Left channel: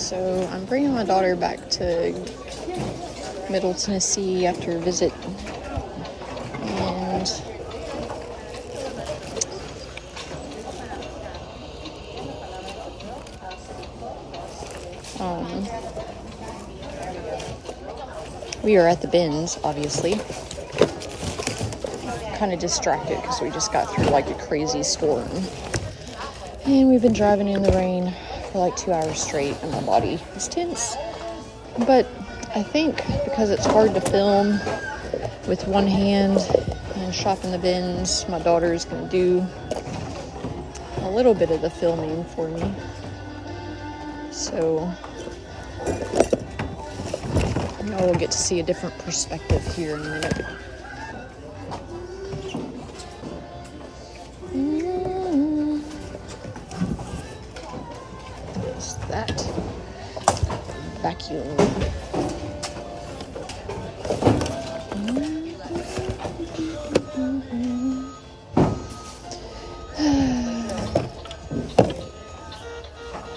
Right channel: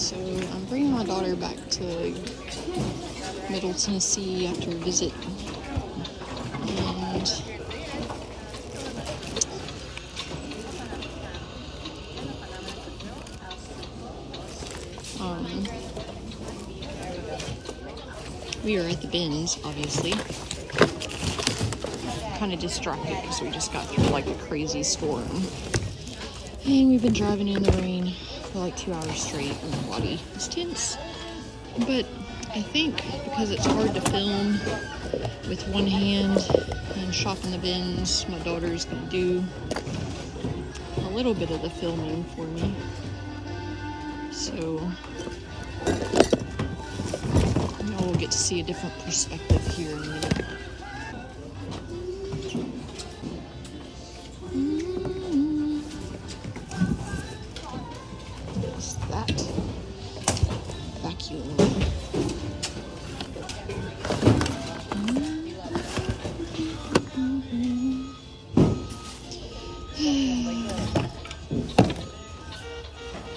So I'm bringing my daughter back to Middle Tennessee after a visit, and we are at the bins, obviously. Kind of distracted because we just got through like a crazy storm, and we've been driving in the rain for like 2 hours straight, and my body is tense. But I think because it's hard to film with one hand and shop in the bins, my daughter is going to do a little bit of the filming for me. So I will get to see a different perspective here in a minute. What's that? Vacuum.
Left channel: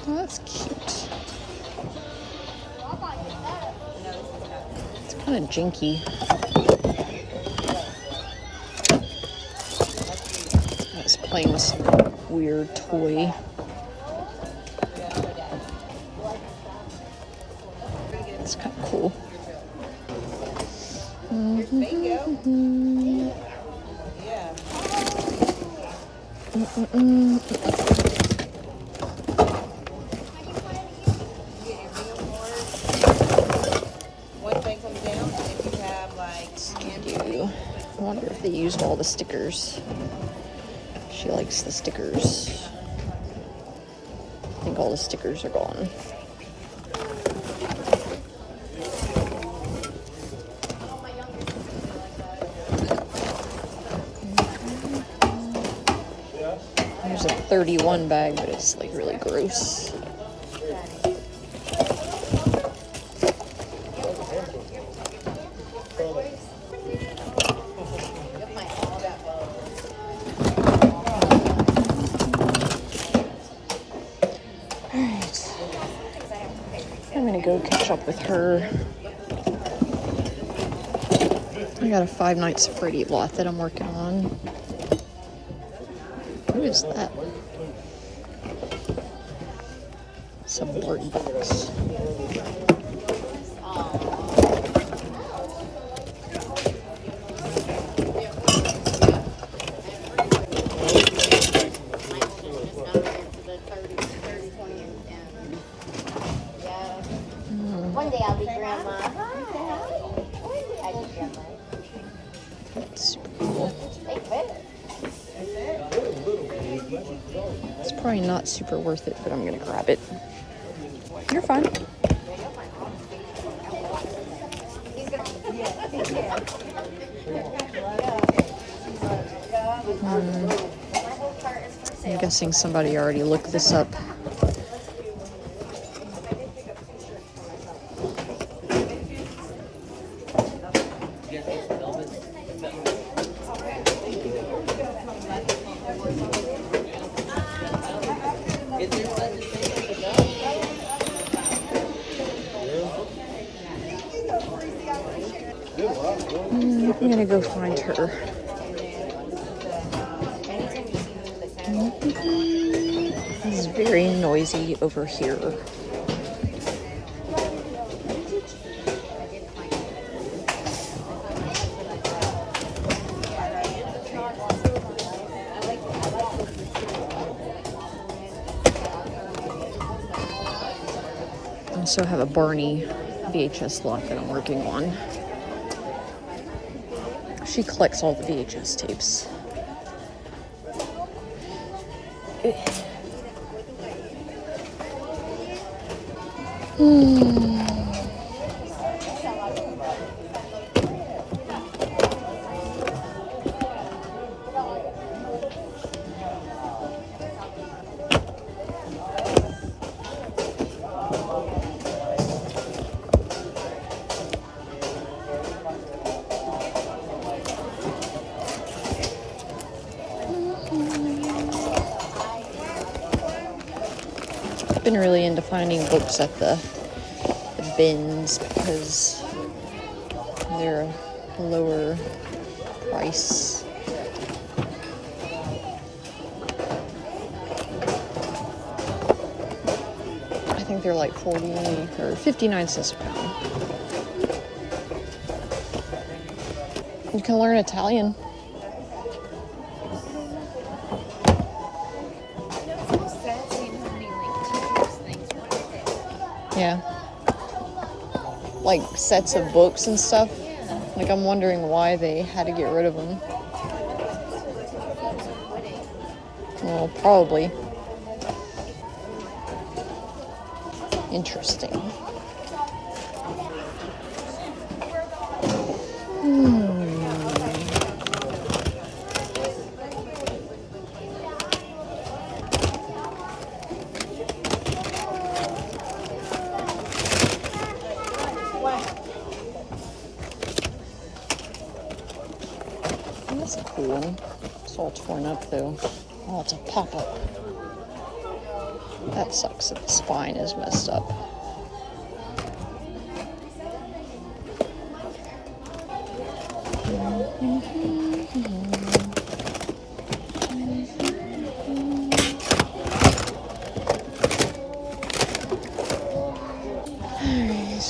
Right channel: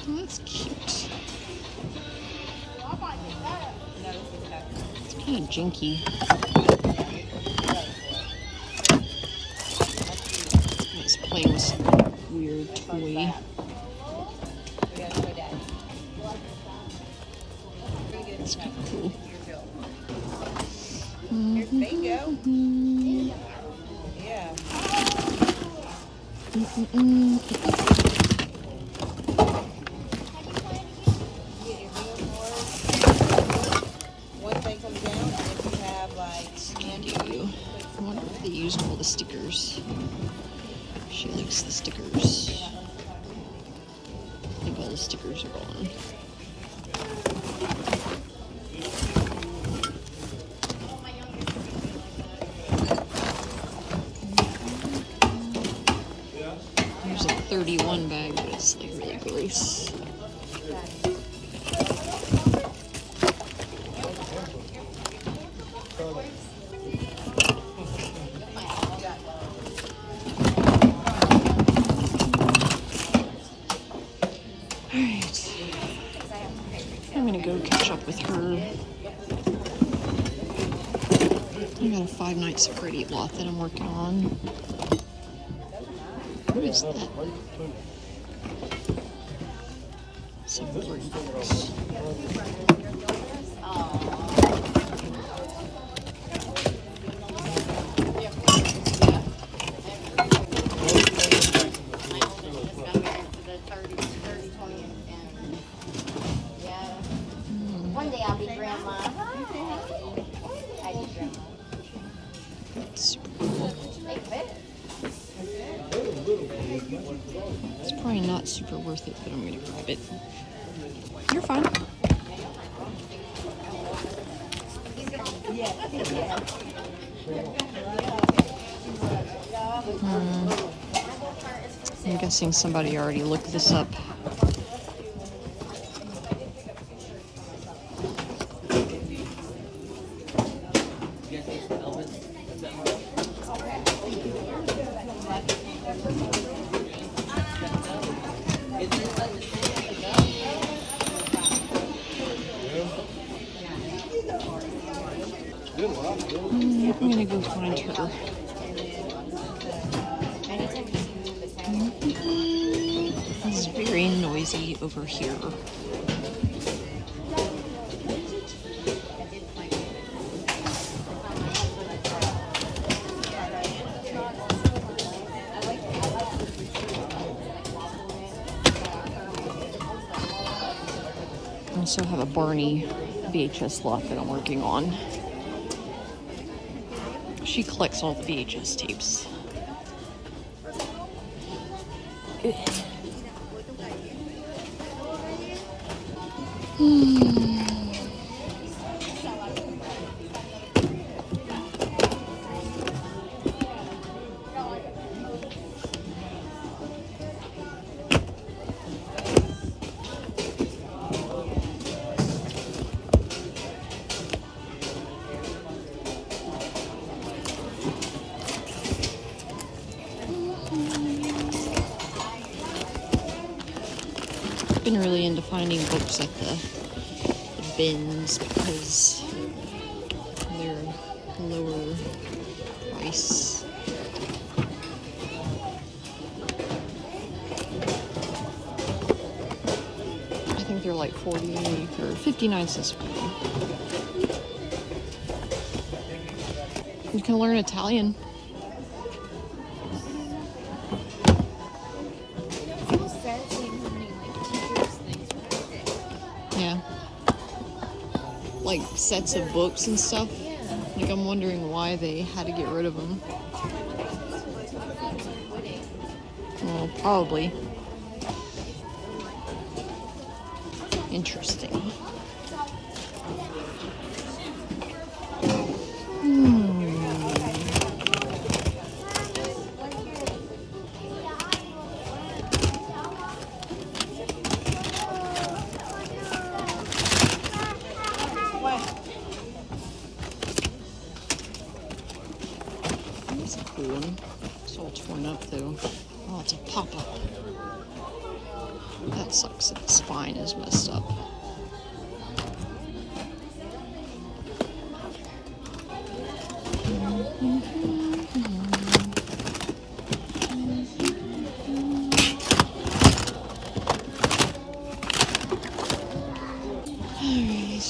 Oh, that's cute. It's kind of jinky. I was playing with some weird toy. It's kind of cool. I wonder if they used all the stickers. She likes the stickers. I think all the stickers are gone. There's a 31 bag, but it's like really gross. Alright. I'm gonna go catch up with her. I got a 5 Nights at Freddy lot that I'm working on. Who is that? Some blurry box. One day I'll be grandma. Super cool. It's probably not super worth it, but I'm gonna grab it. You're fine. I'm guessing somebody already looked this up. I'm gonna go find her. It's very noisy over here. I also have a Barney VHS lot that I'm working on. She collects all the VHS tapes. been really into finding books at the bins because they're lower price. I think they're like 40 or 59 cents a pound. You can learn Italian. Yeah. Like sets of books and stuff. Like, I'm wondering why they had to get rid of them. Well, probably. Interesting. That's a cool one. It's all torn up though. Oh, it's a pop-up. That sucks that the spine is messed up. Alright.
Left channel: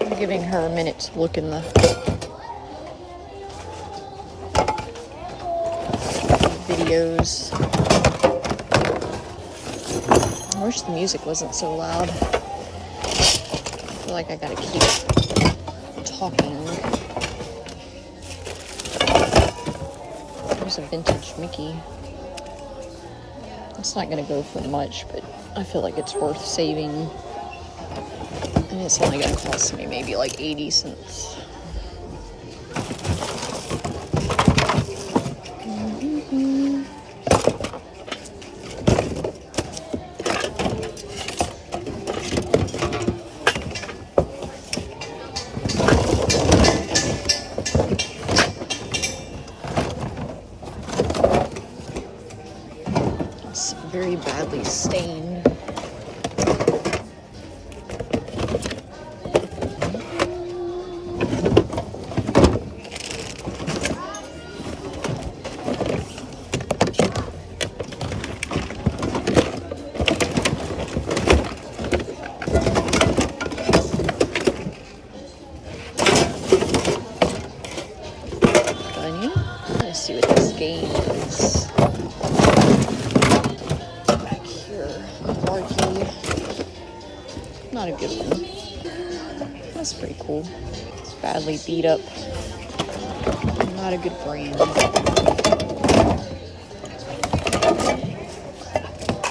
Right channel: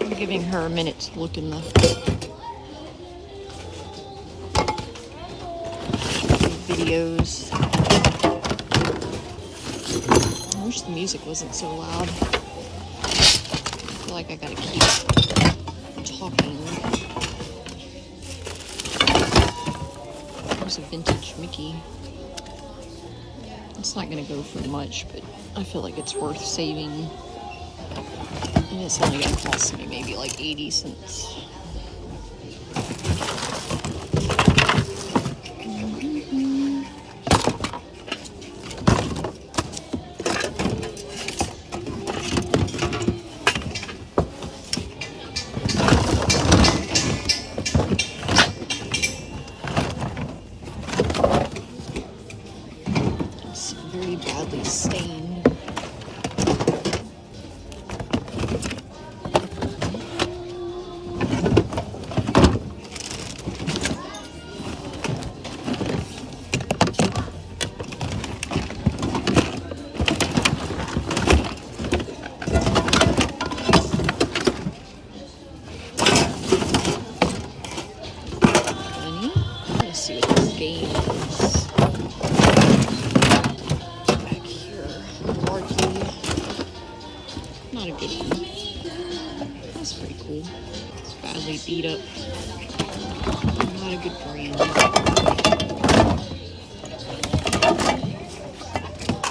I'm giving her a minute to look in the videos. I wish the music wasn't so loud. I feel like I gotta keep talking. There's a vintage Mickey. It's not gonna go for much, but I feel like it's worth saving. And it's only gonna cost me maybe like 80 cents. It's very badly stained. Let's see what this game is. Back here, Marky. Not a good one. That's pretty cool. It's badly beat up. Not a good brand. I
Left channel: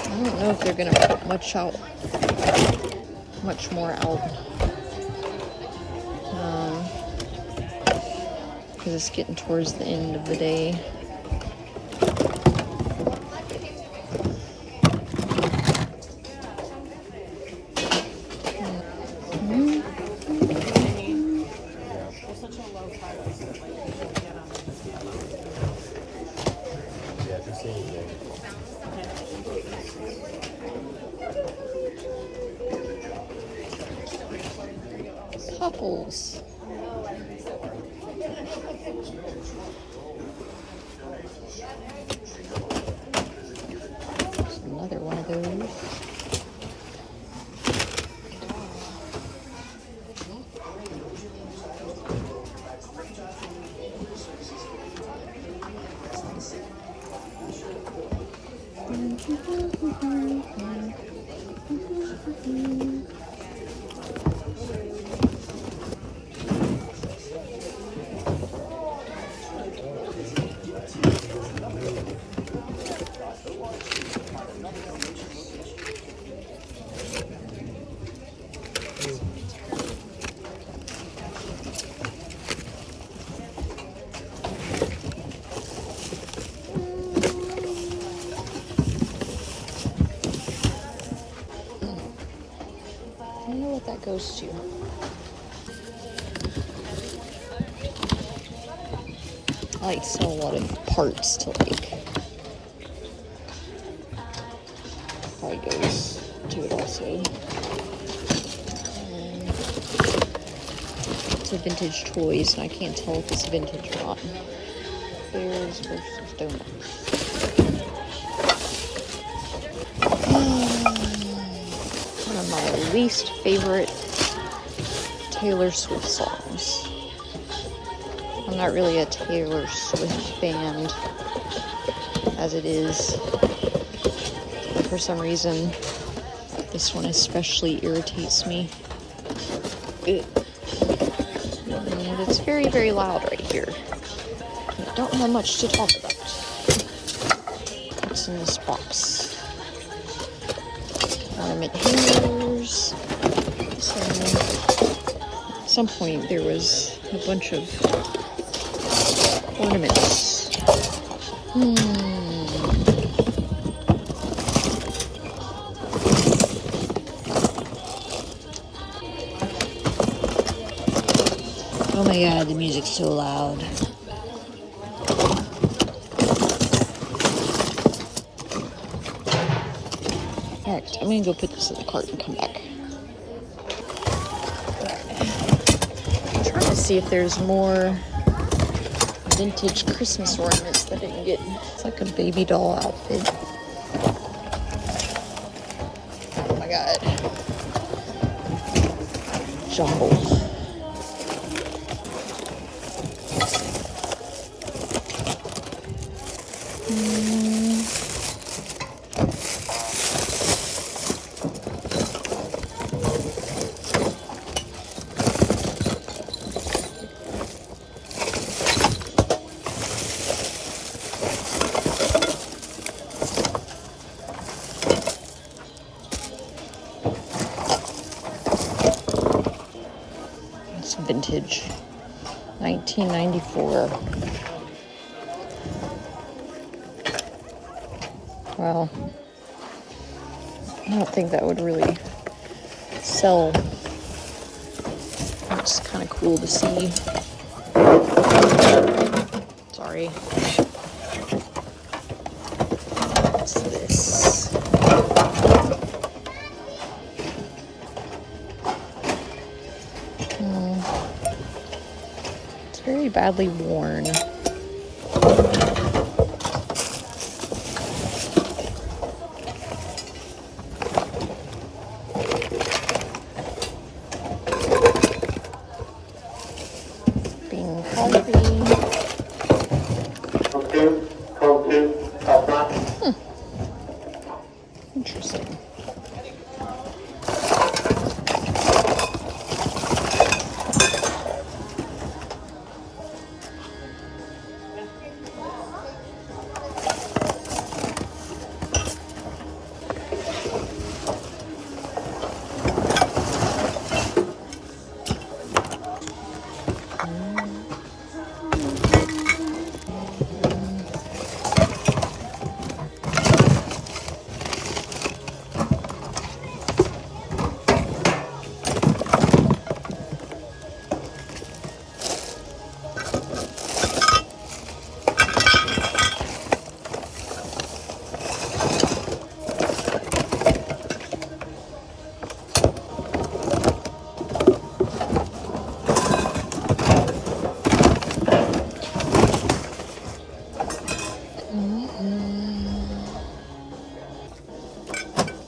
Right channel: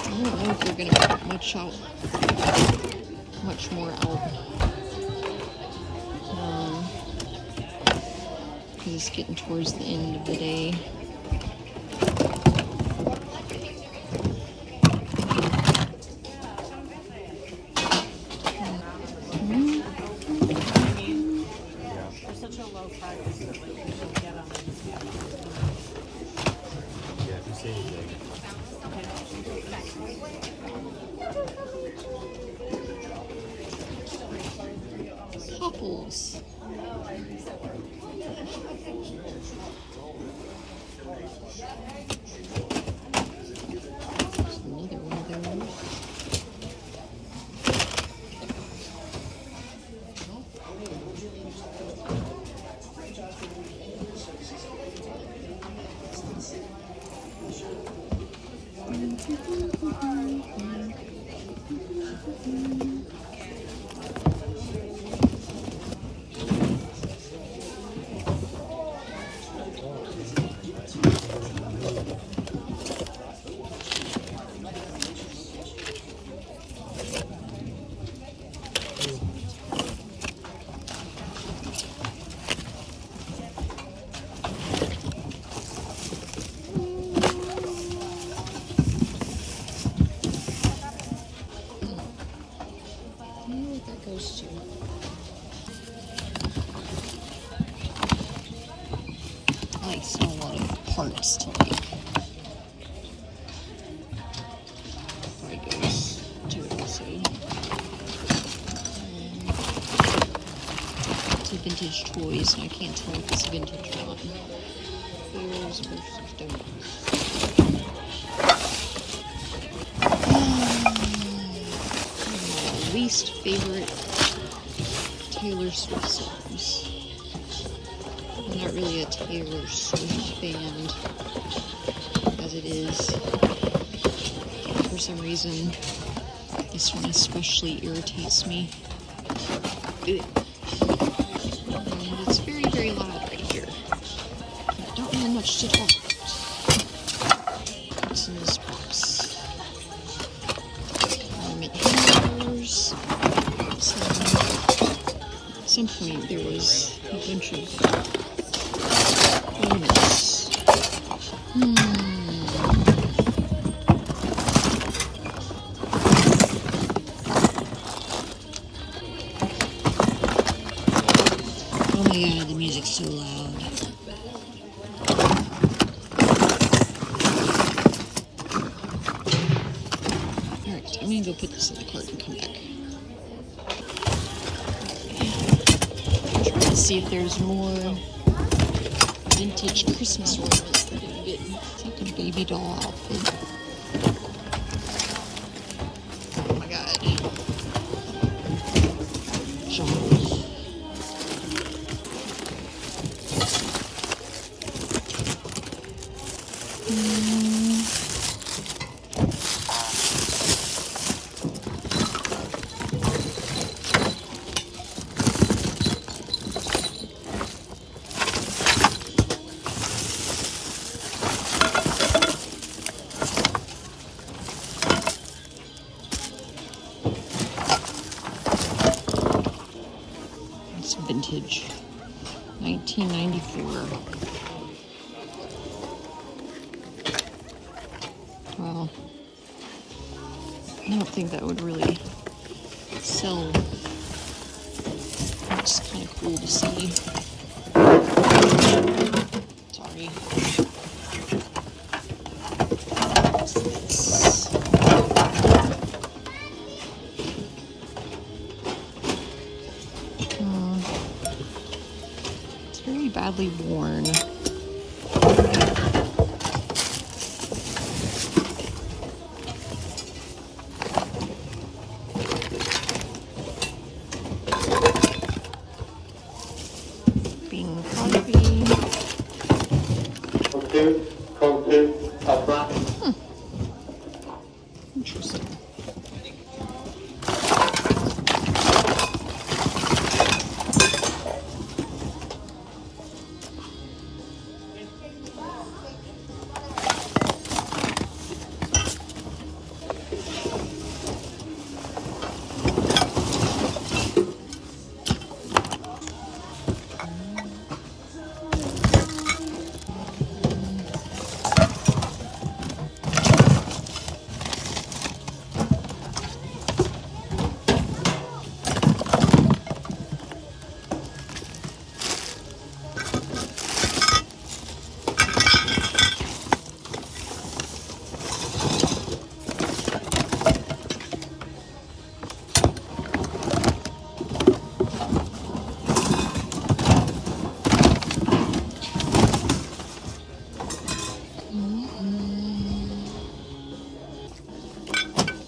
don't know if they're gonna put much more out. Because it's getting towards the end of the day. Popples. There's another one of those. That goes to. I like to sell a lot of parts to like probably goes So it's a vintage toys, and I can't tell if it's vintage or not. Bears versus donuts. One of my least favorite Taylor Swift songs. I'm not really a Taylor Swift fan, as it is. For some reason, this one especially irritates me. And it's very, very loud right here. I don't have much to talk about. What's in this box? Ornament hangers. At some point, there was a bunch of ornaments. Oh my god, the music's so loud. Alright, I'm gonna go put this in the cart and come back. I'm trying to see if there's more vintage Christmas ornaments that I didn't get. It's like a baby doll outfit. Oh my god. Jumble. It's vintage. 1994. Wow. I don't think that would really sell. It's kind of cool to see. Sorry. What's this? It's very badly worn. Interesting.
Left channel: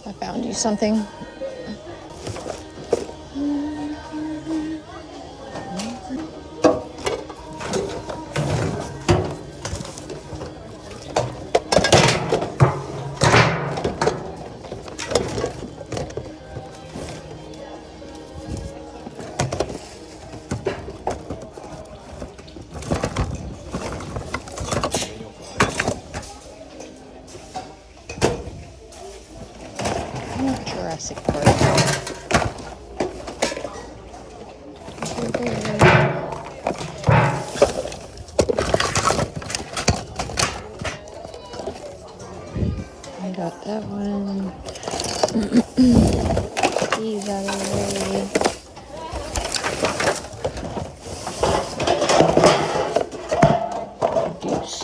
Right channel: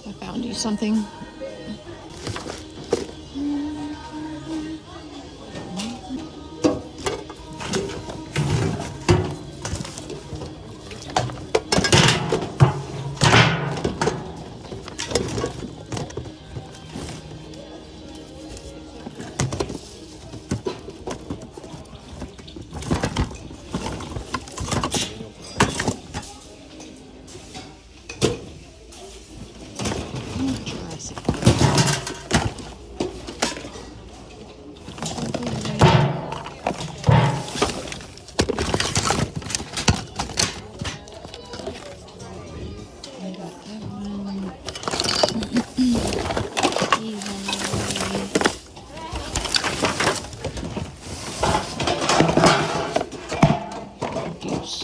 I found you something. Jurassic Park. I got that one. These out of the way. Juice.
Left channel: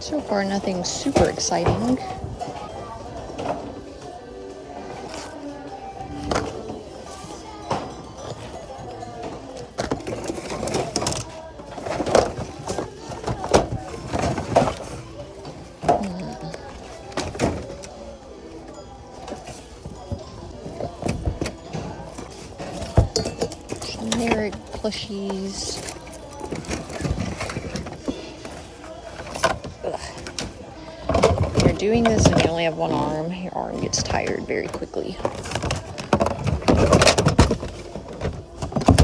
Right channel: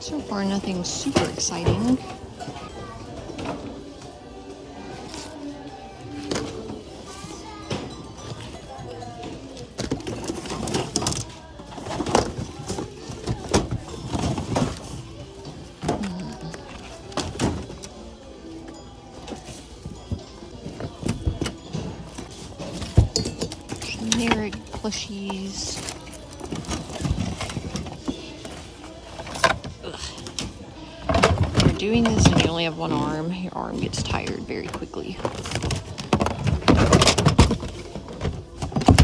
So far, nothing super exciting. Generic plushies. Ugh. When you're doing this and you only have one arm, your arm gets tired very quickly.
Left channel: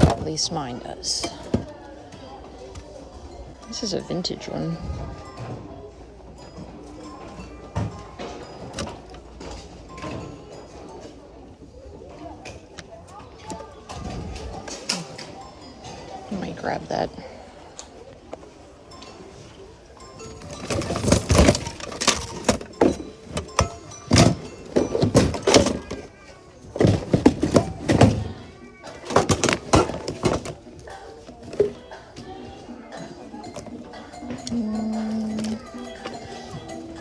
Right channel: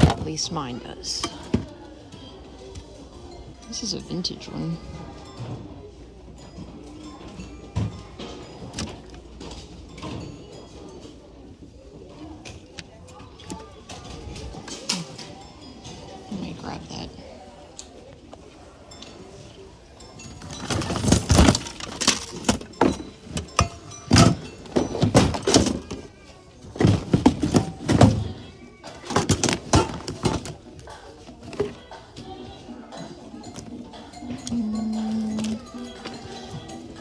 At least mine does. This is a vintage one. I might grab that.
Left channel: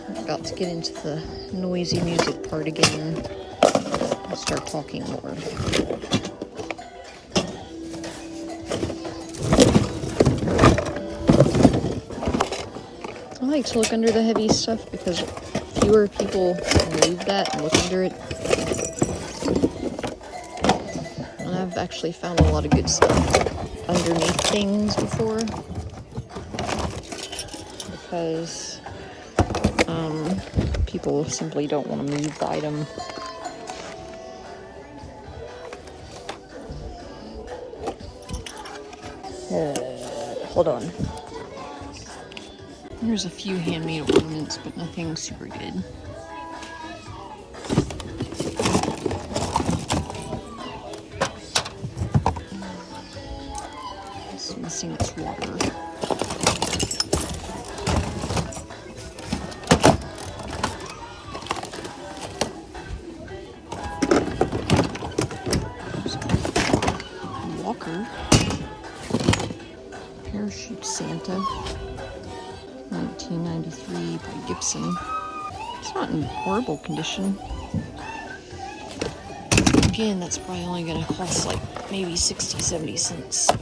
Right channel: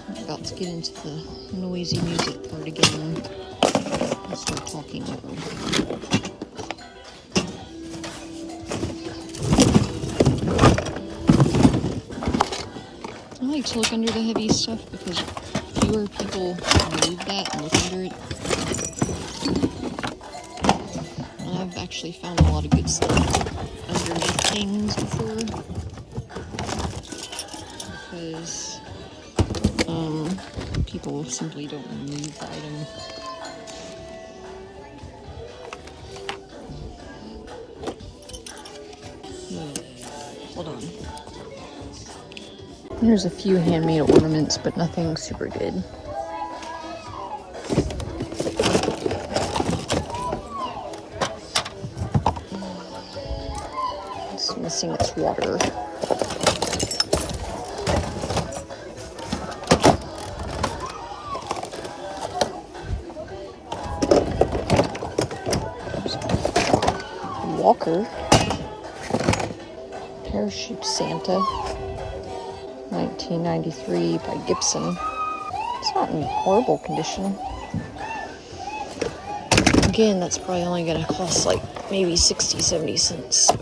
I'm about to get into the noisy music part again. I'll start talking more. I like to look under the heavy stuff because fewer people move that and look under it. And I've actually found a lot of good stuff underneath things before. Because people simply don't want to move the item. Hold on. There's a few handmade ornaments, but nothing super good. It's missing its water. Walker. Parachute Santa. 1993 by Gibson. It's not in horrible condition. Again, that's probably only gonna cost like maybe 60-70 cents. So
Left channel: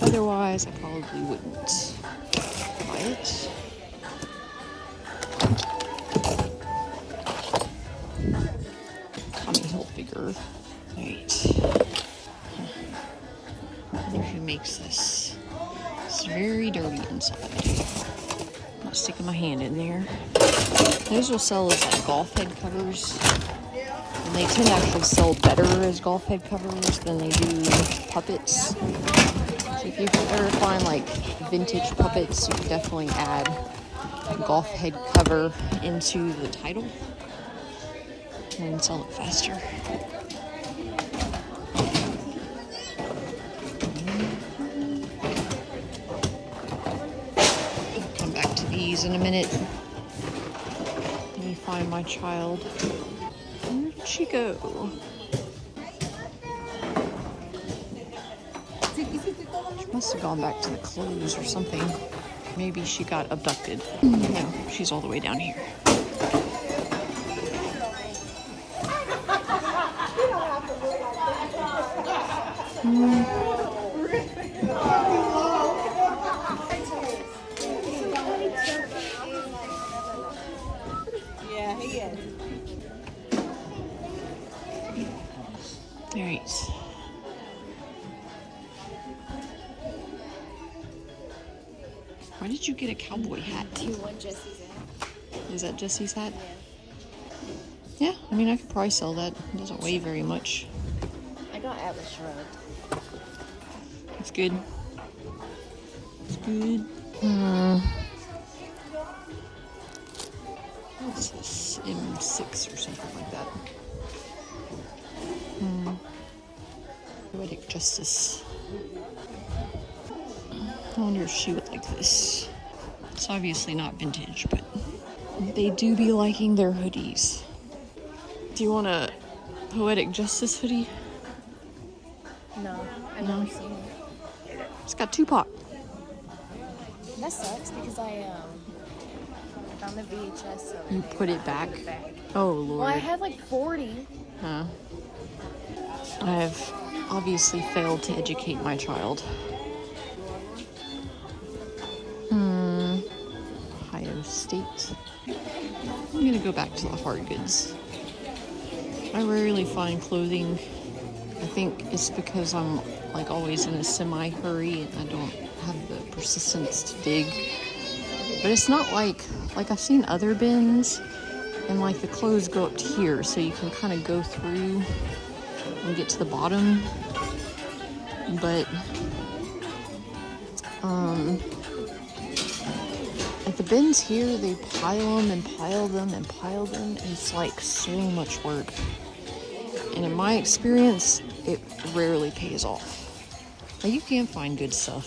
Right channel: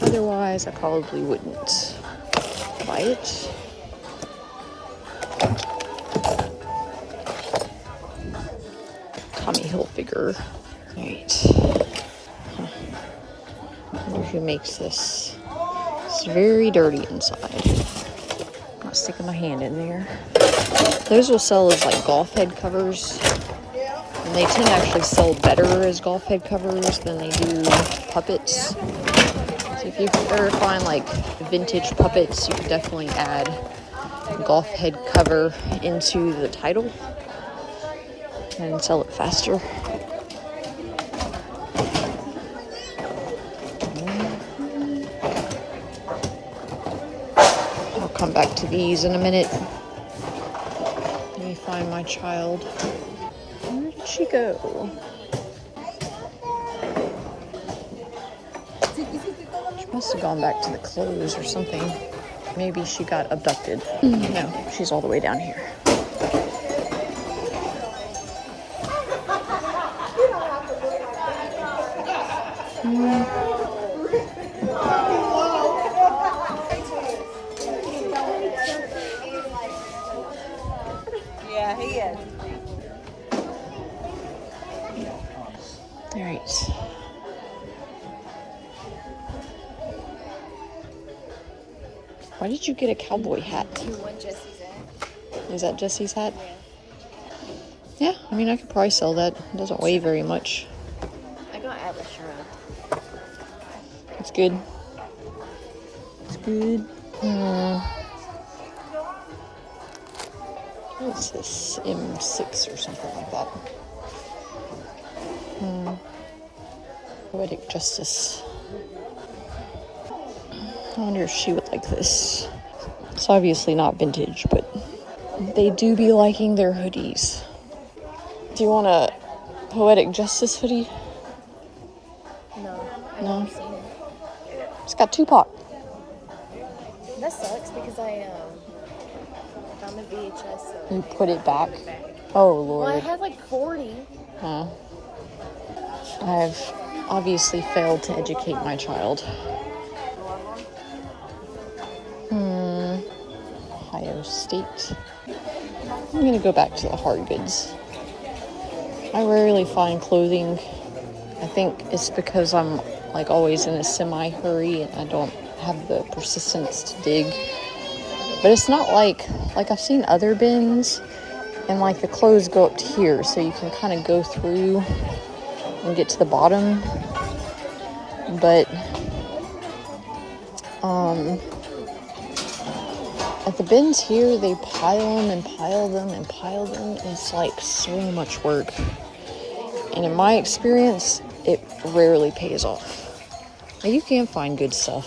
otherwise, I probably wouldn't buy it. Tommy Hilfiger. Alright. I wonder who makes this. It's very dirty inside. I'm not sticking my hand in there. Those will sell as like golf head covers. And they tend to actually sell better as golf head covers than they do puppets. So if you ever find like vintage puppets, you can definitely add golf head cover into the title and sell it faster. I'll come back to these in a minute. Let me find my child. Where did she go? She must have gone back to the clothes or something. Maybe she got abducted. No, she's all the way down here. Yeah, he is. All right. Why did you get a cowboy hat? Do you want Jesse's hat? Is that Jesse's hat? Yeah, I mean, I could probably sell that. It doesn't weigh very much. I got at restaurant. It's good. It's good. What is this? M6 or something like that. Poetic Justice. I wonder if she would like this. It's obviously not vintage, but they do be liking their hoodies. Do you want a Poetic Justice hoodie? No, I've No. never seen it. It's got Tupac. That sucks because I found the VHS. So You put it back? Oh, well, I Lord. had like 40. Huh. I've obviously failed to educate my child. Ohio State. I'm gonna go back to the hard goods. I rarely find clothing. I think it's because I'm like always in a semi-hurry and I don't have the persistence to dig. But it's not like I've seen other bins and like the clothes go up to here so you can kind of go through and get to the bottom. But at the bins here, they pile them and pile them and pile them. And it's like so much work. And in my experience, it rarely pays off. Like, you can find good stuff.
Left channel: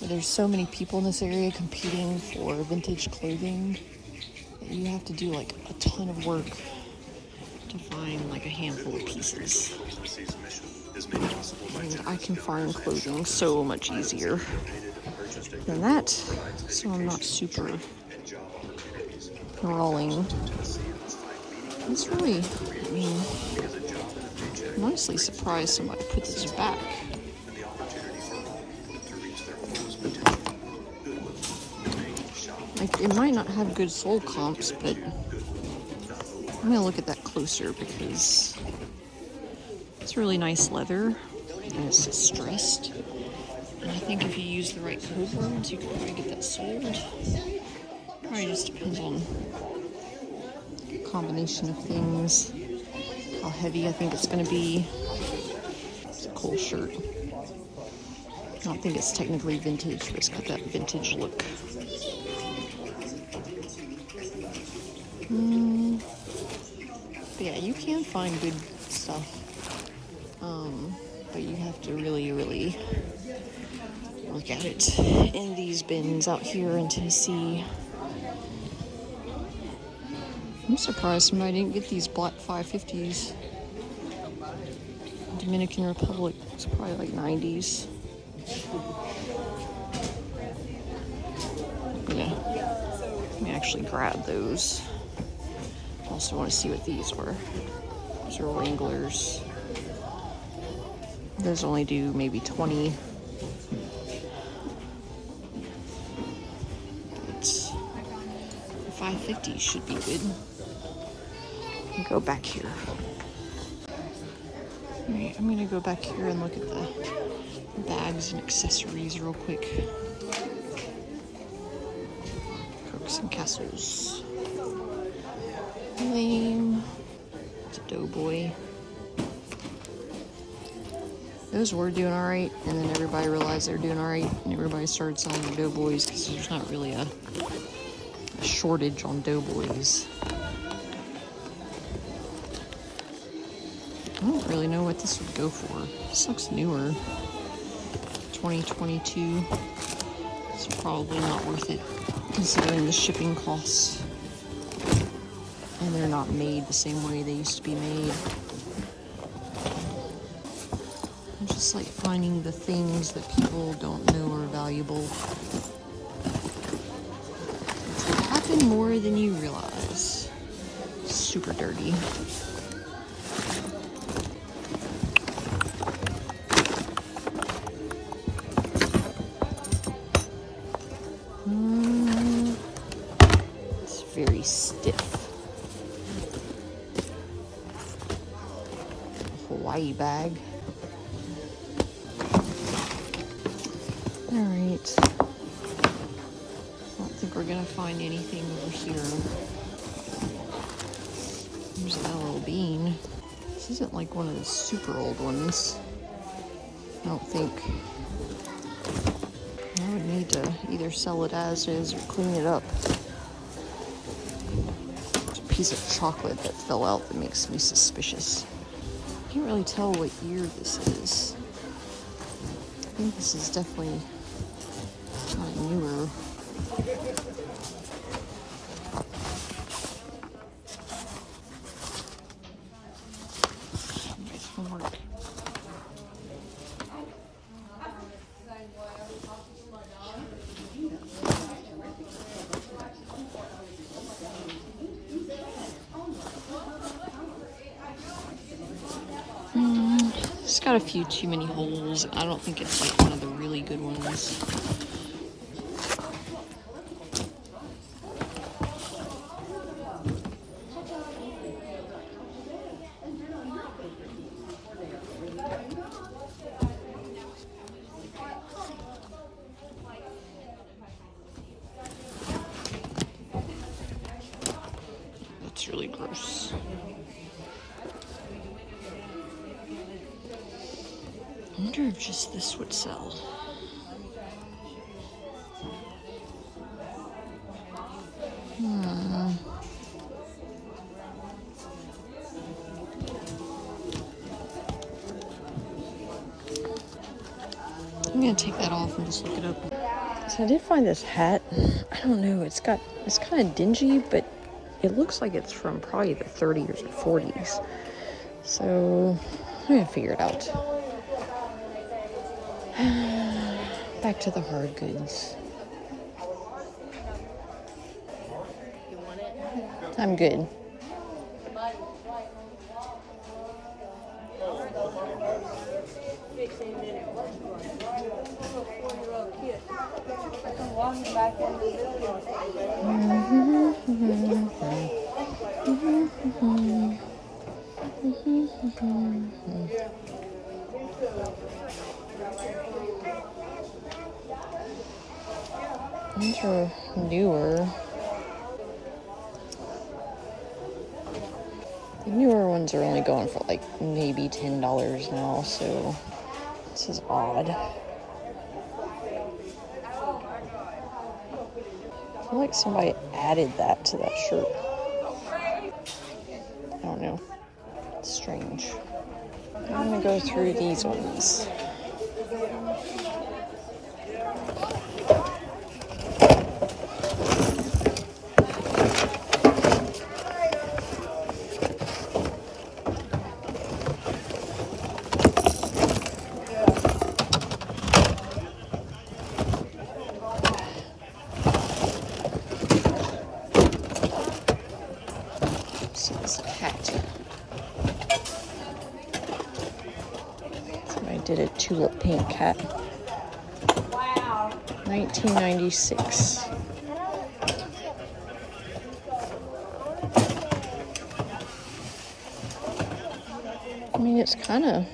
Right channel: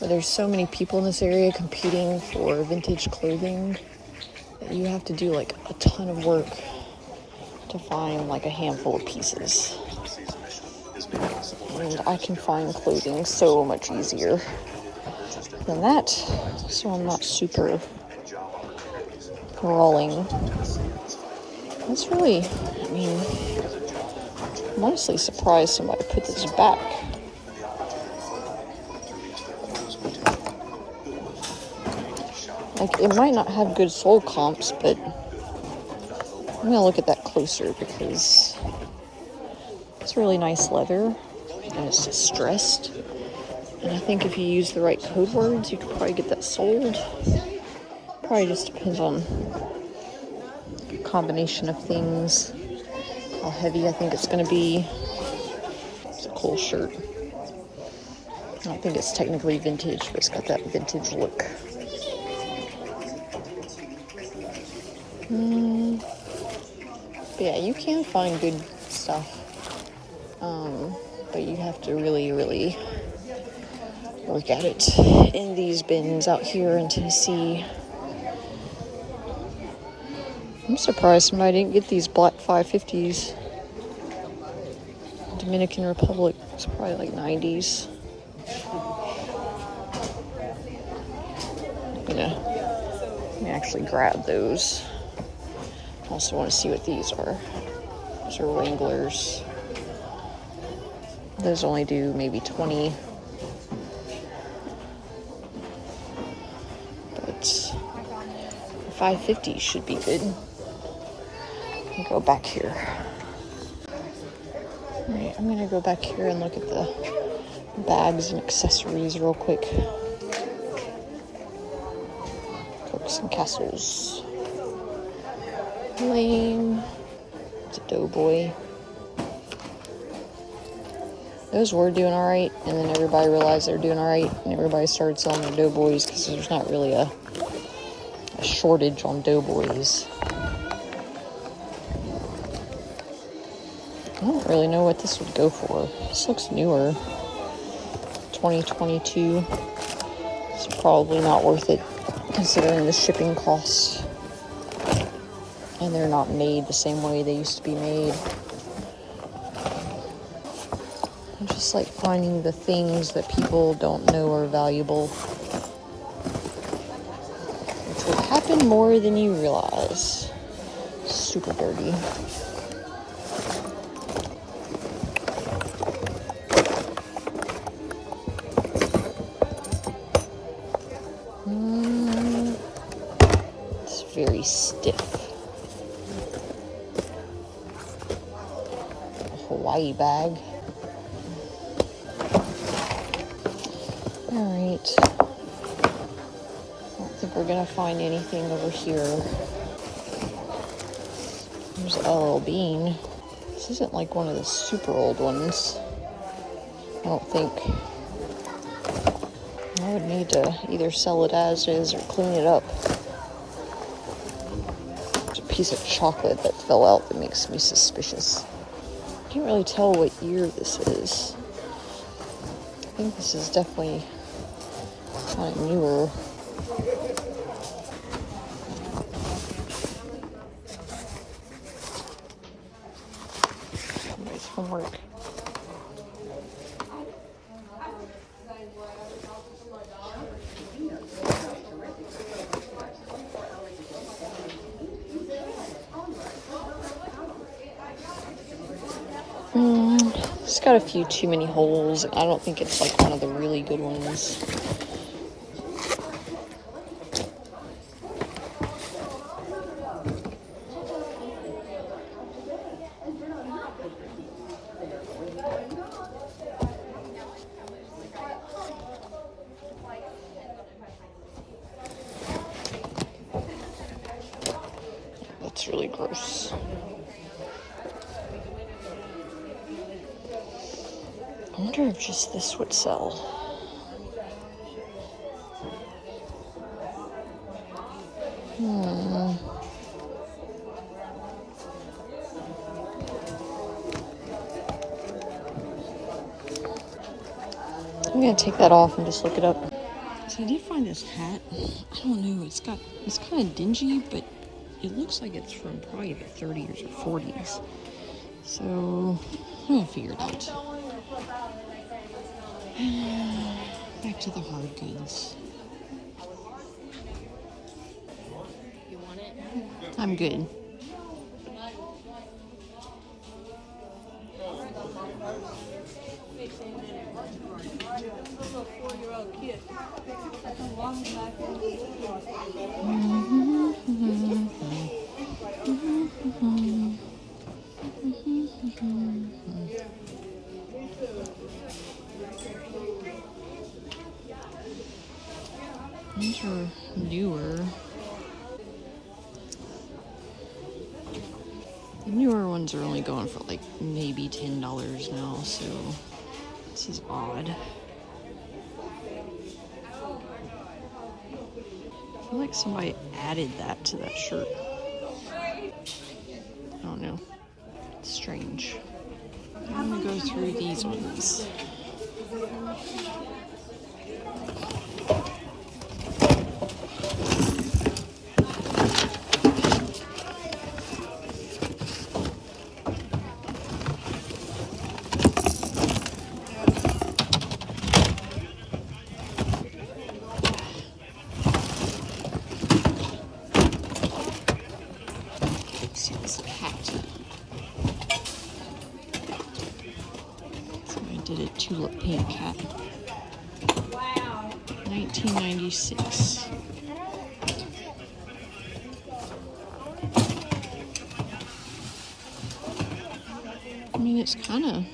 But there's so many people in this area competing for vintage clothing that you have to do like a ton of work to find like a handful of pieces. And I can find clothing so much easier than that, so I'm not super crawling. That's really, I mean, I'm honestly surprised somebody put this back. Like, it might not have good soul comps, but I'm gonna look at that closer because it's really nice leather and it's distressed. And I think if you use the right code words, you could probably get that sold. Probably just depends on a combination of things. How heavy I think it's gonna be. It's a cool shirt. I don't think it's technically vintage, but it's got that vintage look. But yeah, you can find good stuff. But you have to really, really work at it in these bins out here in Tennessee. I'm surprised somebody didn't get these black 550s. Dominican Republic, it's probably like 90s. Let me actually grab those. I also want to see what these are. Those are Wranglers. Those only do maybe 20. But 550 should be good. Go back here. Alright, I'm gonna go back here and look at the bags and accessories real quick. Cooks and Castles. Lame. It's a Doughboy. Those were doing alright, and then everybody realized they were doing alright, and everybody started selling their Doughboys because there's not really a shortage on Doughboys. I don't really know what this would go for. This looks newer. 2022. It's probably not worth it considering the shipping costs. And they're not made the same way they used to be made. I just like finding the things that people don't know are valuable. It would happen more than you realize. Super dirty. It's very stiff. A Hawaii bag. Alright. I don't think we're gonna find anything over here. There's LL Bean. This isn't like one of the super old ones. I don't think. I would need to either sell it as is or clean it up. There's a piece of chocolate that fell out that makes me suspicious. I can't really tell what year this is. I think this is definitely kind of newer. Somebody's from work. got a few too many holes. I don't think it's like one of the really good ones. That's really gross. I wonder if just this would sell. I'm gonna take that off and just look it up. So I did find this hat. I don't know, it's kind of dingy, but it looks like it's from probably the 30s or 40s. So I'm gonna figure it out. Back to the hard goods. You want it? I'm good. These are newer. The newer ones are only going for like maybe $10 now, so this is odd. I feel like somebody added that to that shirt. I don't know. It's strange. I'm gonna go through these ones. See this hat. Somebody did a tulip pink hat. Wow. 1996. I mean, it's kind of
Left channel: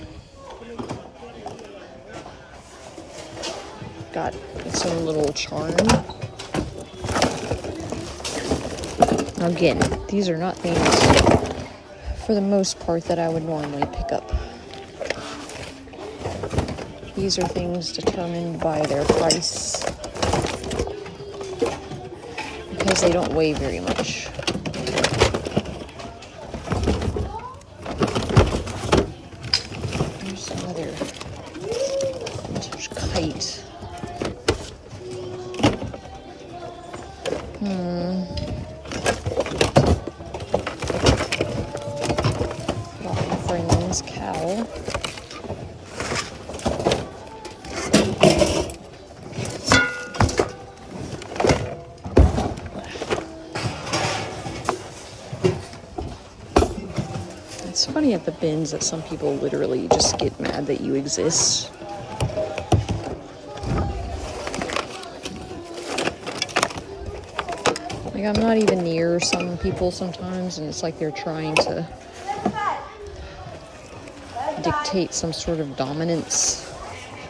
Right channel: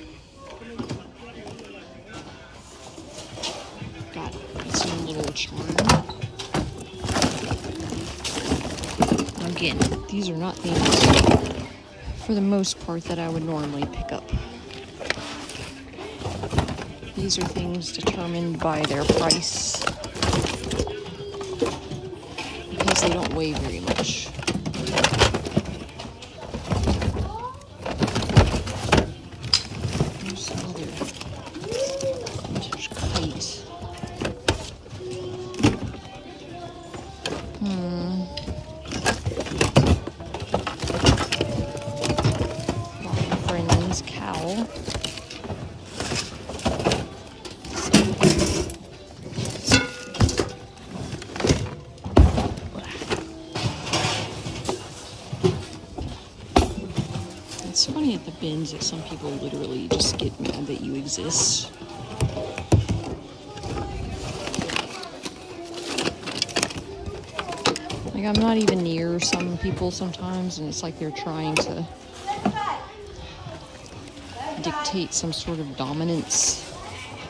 got its own little charm. Again, these are not things, for the most part, that I would normally pick up. These are things determined by their price because they don't weigh very much. Here's another vintage kite. Friend's cowl. It's funny at the bins that some people literally just get mad that you exist. Like, I'm not even near some people sometimes, and it's like they're trying to dictate some sort of dominance.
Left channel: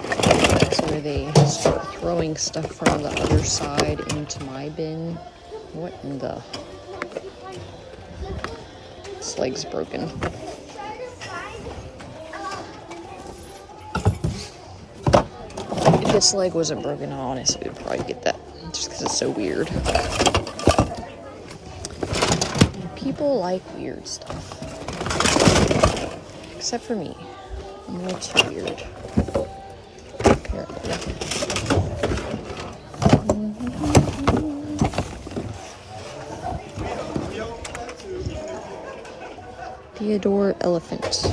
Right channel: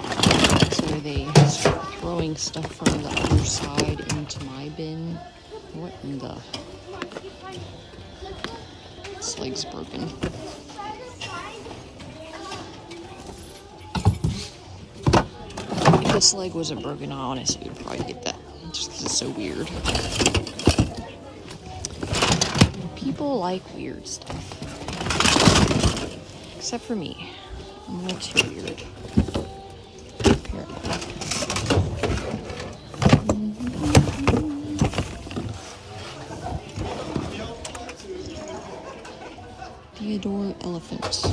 That's where they start throwing stuff from the other side into my bin. What in the... This leg's broken. If this leg wasn't broken, I honestly would probably get that, just because it's so weird. People like weird stuff. Except for me. I'm a little too weird. Apparently. Theodore Elephant.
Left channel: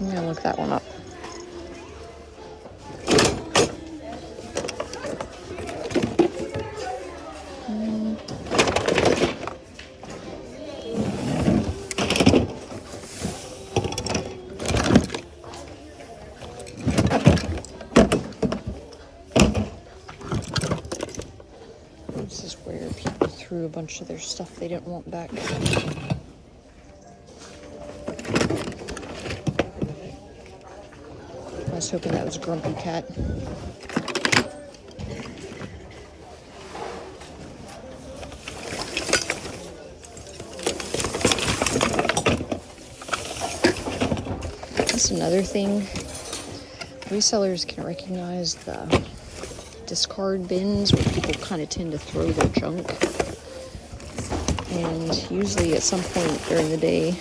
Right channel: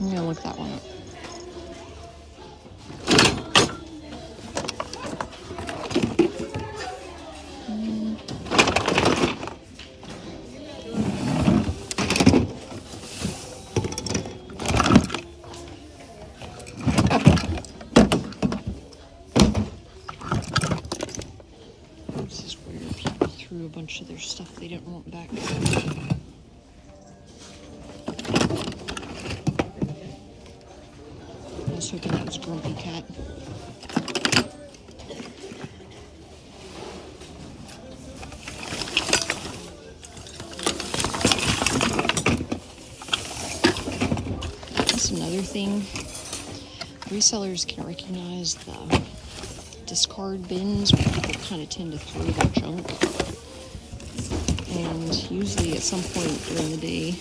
I'm gonna look that one up. through a bunch of their stuff they didn't want back. I was hoping that was Grumpy Cat. That's another thing. Resellers can recognize the discard bins where people kind of tend to throw their junk. And usually at some point during the day,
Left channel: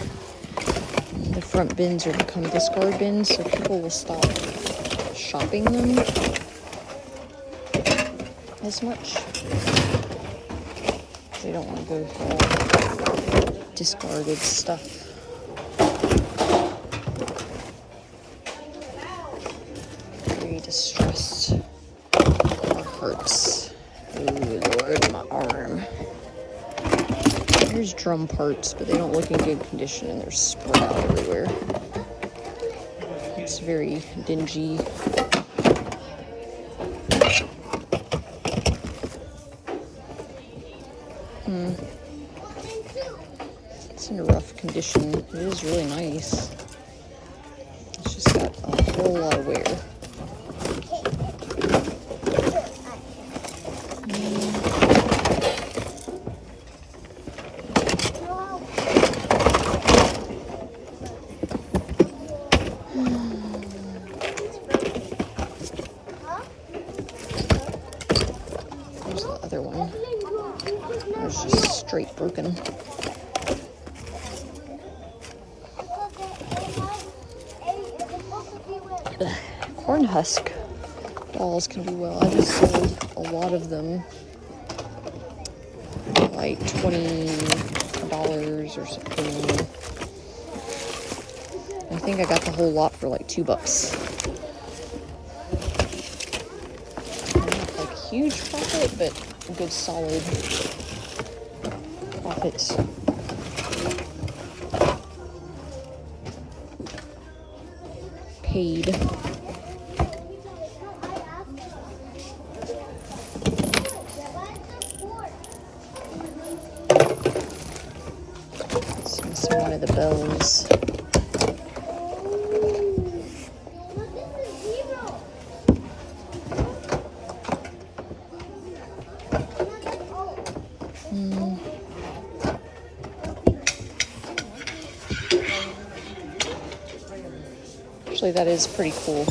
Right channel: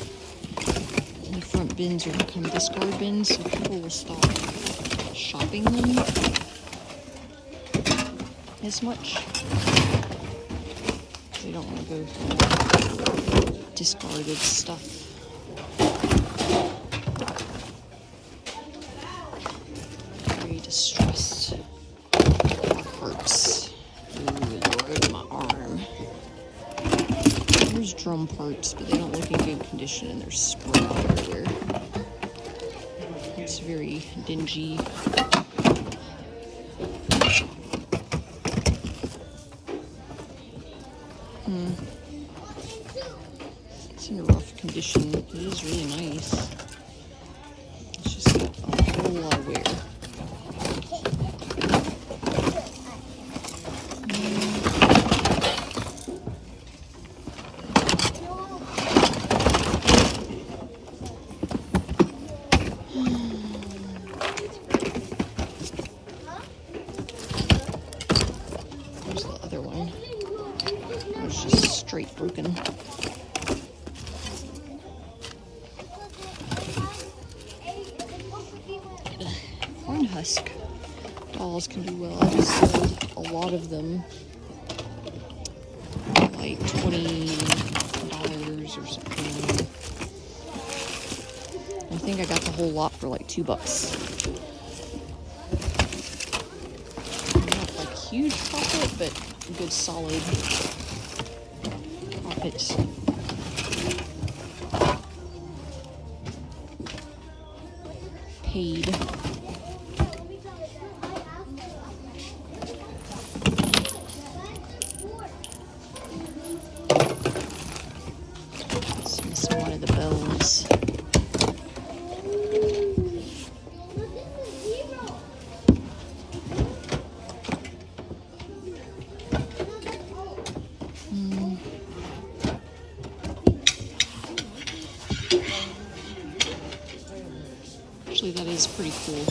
the front bins will become discard bins, so people will stop shopping them as much. They don't want to go for all discarded stuff. Very distressed. My hurts. Oh Lord, my arm. There's drum parts, but they don't look in good condition and they're spread out everywhere. It's very dingy. It's in a rough condition. It is really nice. It's just got a whole lot of wear. There's the other one. It was just straight broken. Corn husk dolls can do well. I just sold a lot of them, like $20 or something. I think I got the whole lot for like $2. Not like huge profit, but a good solid profit. Paid. It's missing one of the bells. Actually, that is pretty cool.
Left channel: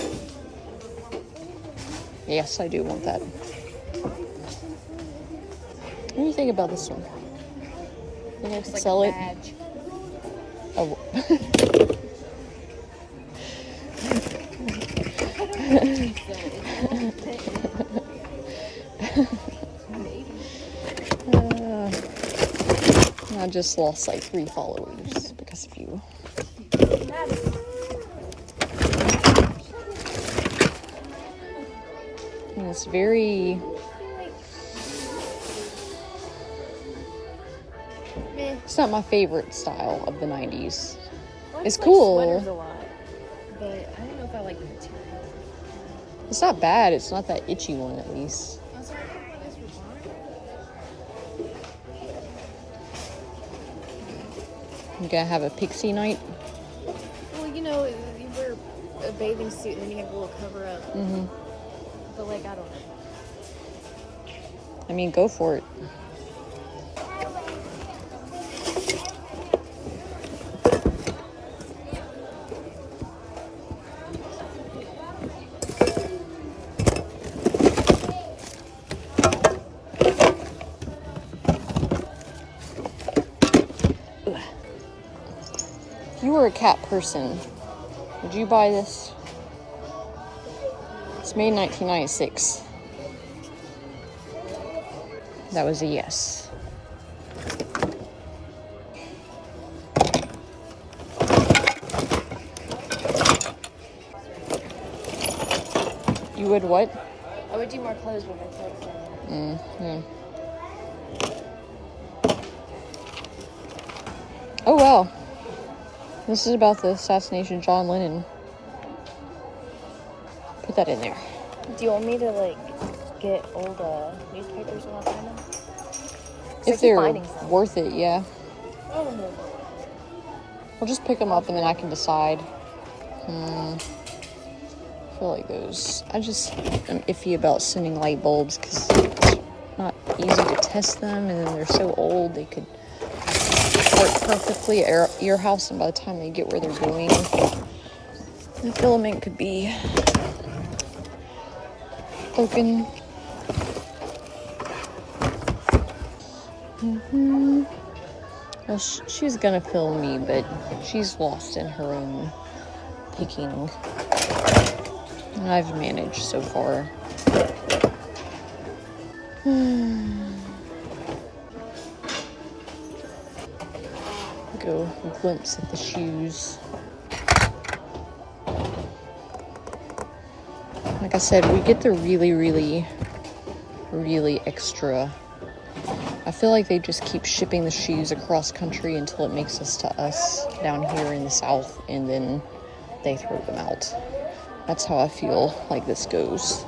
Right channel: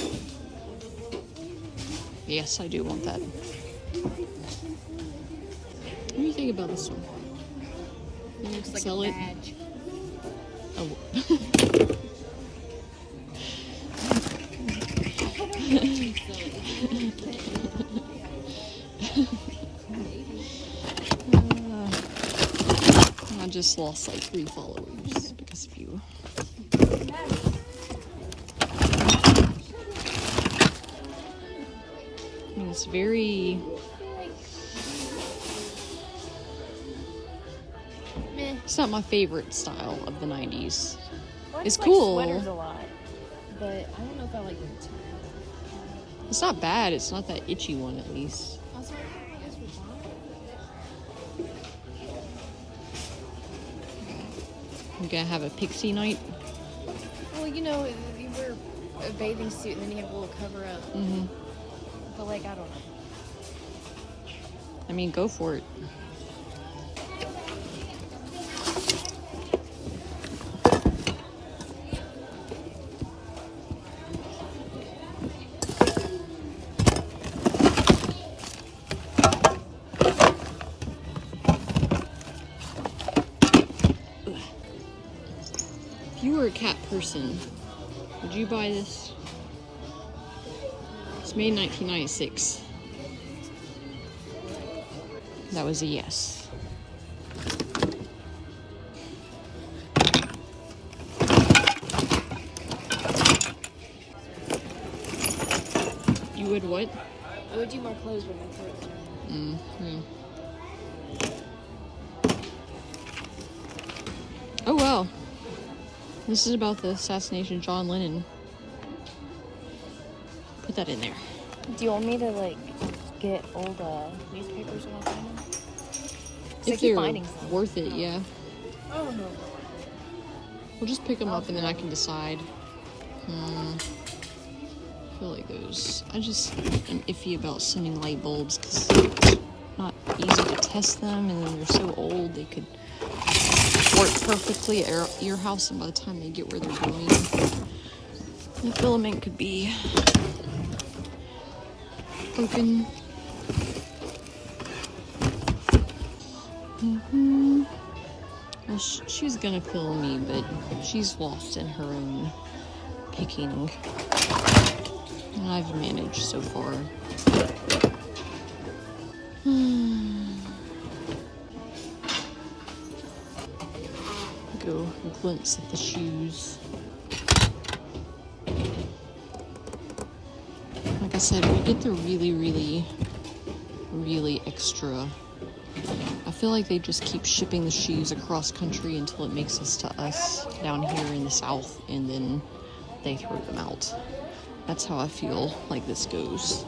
Yes, I do want that. What do you think about this one? You like to sell it? Badge. Oh. I just lost like 3 followers because of you. And it's very it's not my favorite style of the 90s. It's cool. Sweaters a lot, but I don't know if I like the material. It's not bad. It's not that itchy one, at least. I'm gonna have a pixie night. Well, you know, you wear a bathing suit and then you have a little cover up. Mm-hmm. But like, I don't know. I mean, go for it. If you were a cat person, would you buy this? It's made in 1996. That was a yes. You would what? I would do more clothes with my clothes on. Yeah. Oh well. This is about the assassination of John Lennon. Put that in there. Do you want me to like get old newspapers and all that? If keep they're finding some. worth it, yeah. Oh. We'll just pick them up and then I can decide. I feel like those. I just am iffy about sending light bulbs because it's not easy to test them, and then they're so old they could work perfectly at your house, and by the time they get where they're going, the filament could be broken. Well, she was gonna film me, but she's lost in her own picking. And I've managed so far. Go glimpse at the shoes. Like I said, we get the really extra. I feel like they just keep shipping the shoes across country until it makes us to us down here in the South, and then they throw them out. That's how I feel like this goes.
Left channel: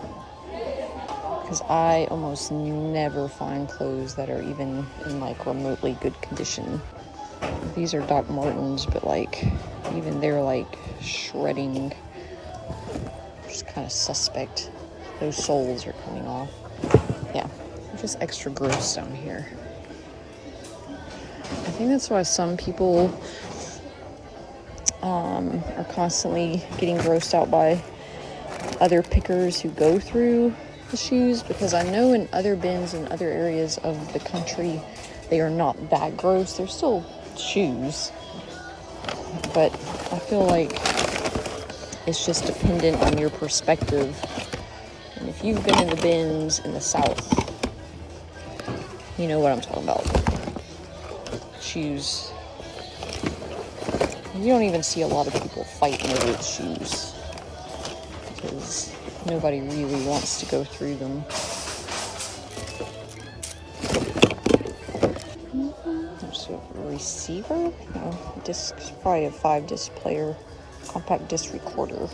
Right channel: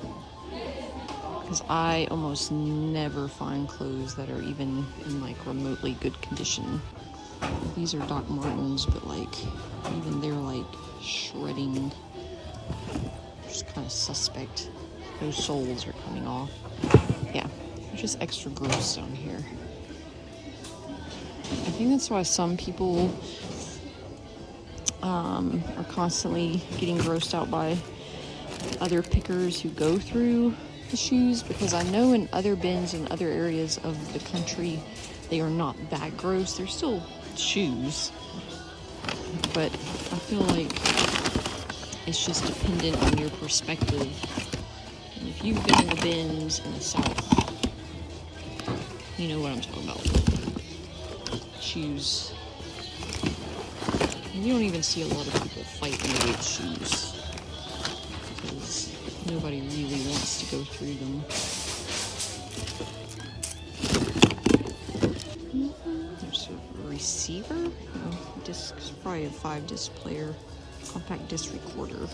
Because I almost never find clothes that are even in like remotely good condition. These are Doc Martens, but like even they're like shredding. Just kind of suspect. Those soles are coming off. Yeah, they're just extra gross down here. I think that's why some people are constantly getting grossed out by other pickers who go through the shoes, because I know in other bins in other areas of the country they are not that gross. They're still shoes, but I feel like it's just dependent on your perspective. And if you've been in the bins in the South, you know what I'm talking about. Shoes. You don't even see a lot of people fighting over shoes because nobody really wants to go through them. There's a receiver? No, disc, probably a 5-disc player, compact disc recorder.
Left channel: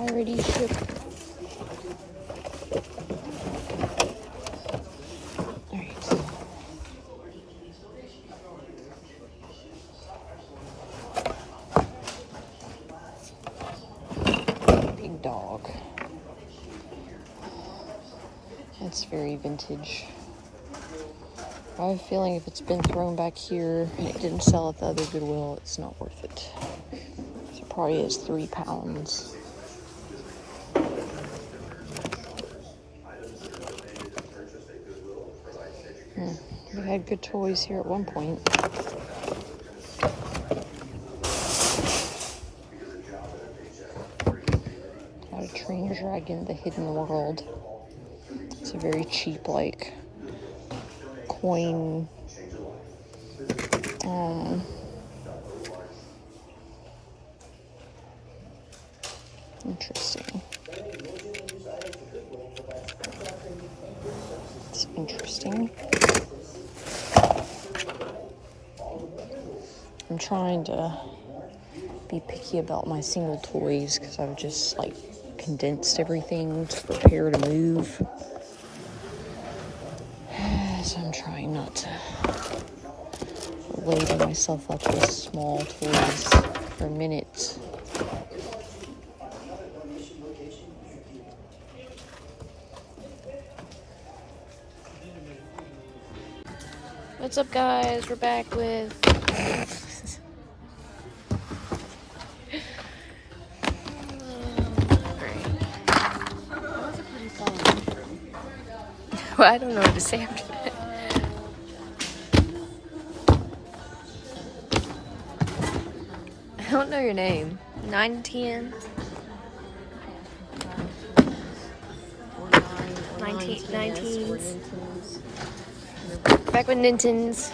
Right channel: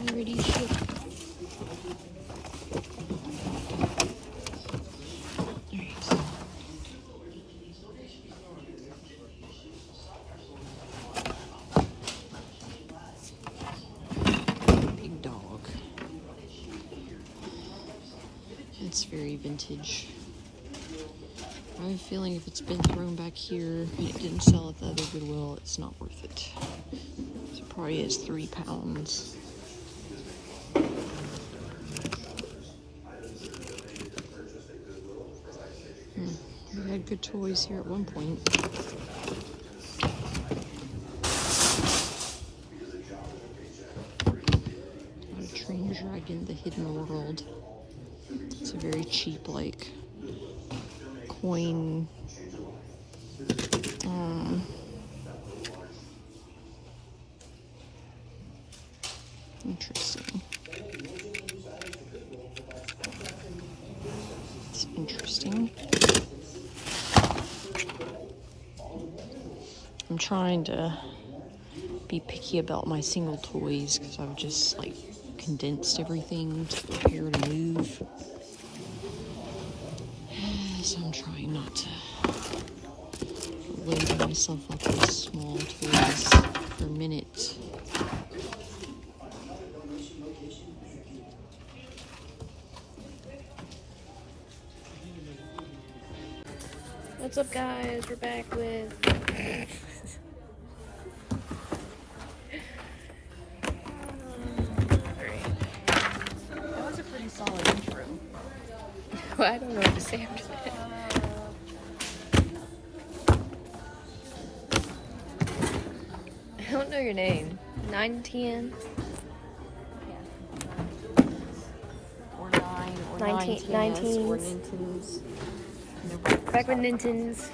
Already shipped. Big dog. That's very vintage. I have a feeling if it's been thrown back here and it didn't sell at the other Goodwill, it's not worth it. So it probably is 3 pounds. We had good toys here at one point. Got a train dragon, the hidden world. It's a very cheap, like, coin. Interesting. It's interesting. I'm trying to be picky about my single toys because I've just like condensed everything to prepare to move. So I'm trying not to load myself up with small toys for minutes. What's up, guys? We're back with alright. That was a pretty solid intro. Well, I don't know what to say after that. I don't know your name. 910. 19s. Back with Nintens.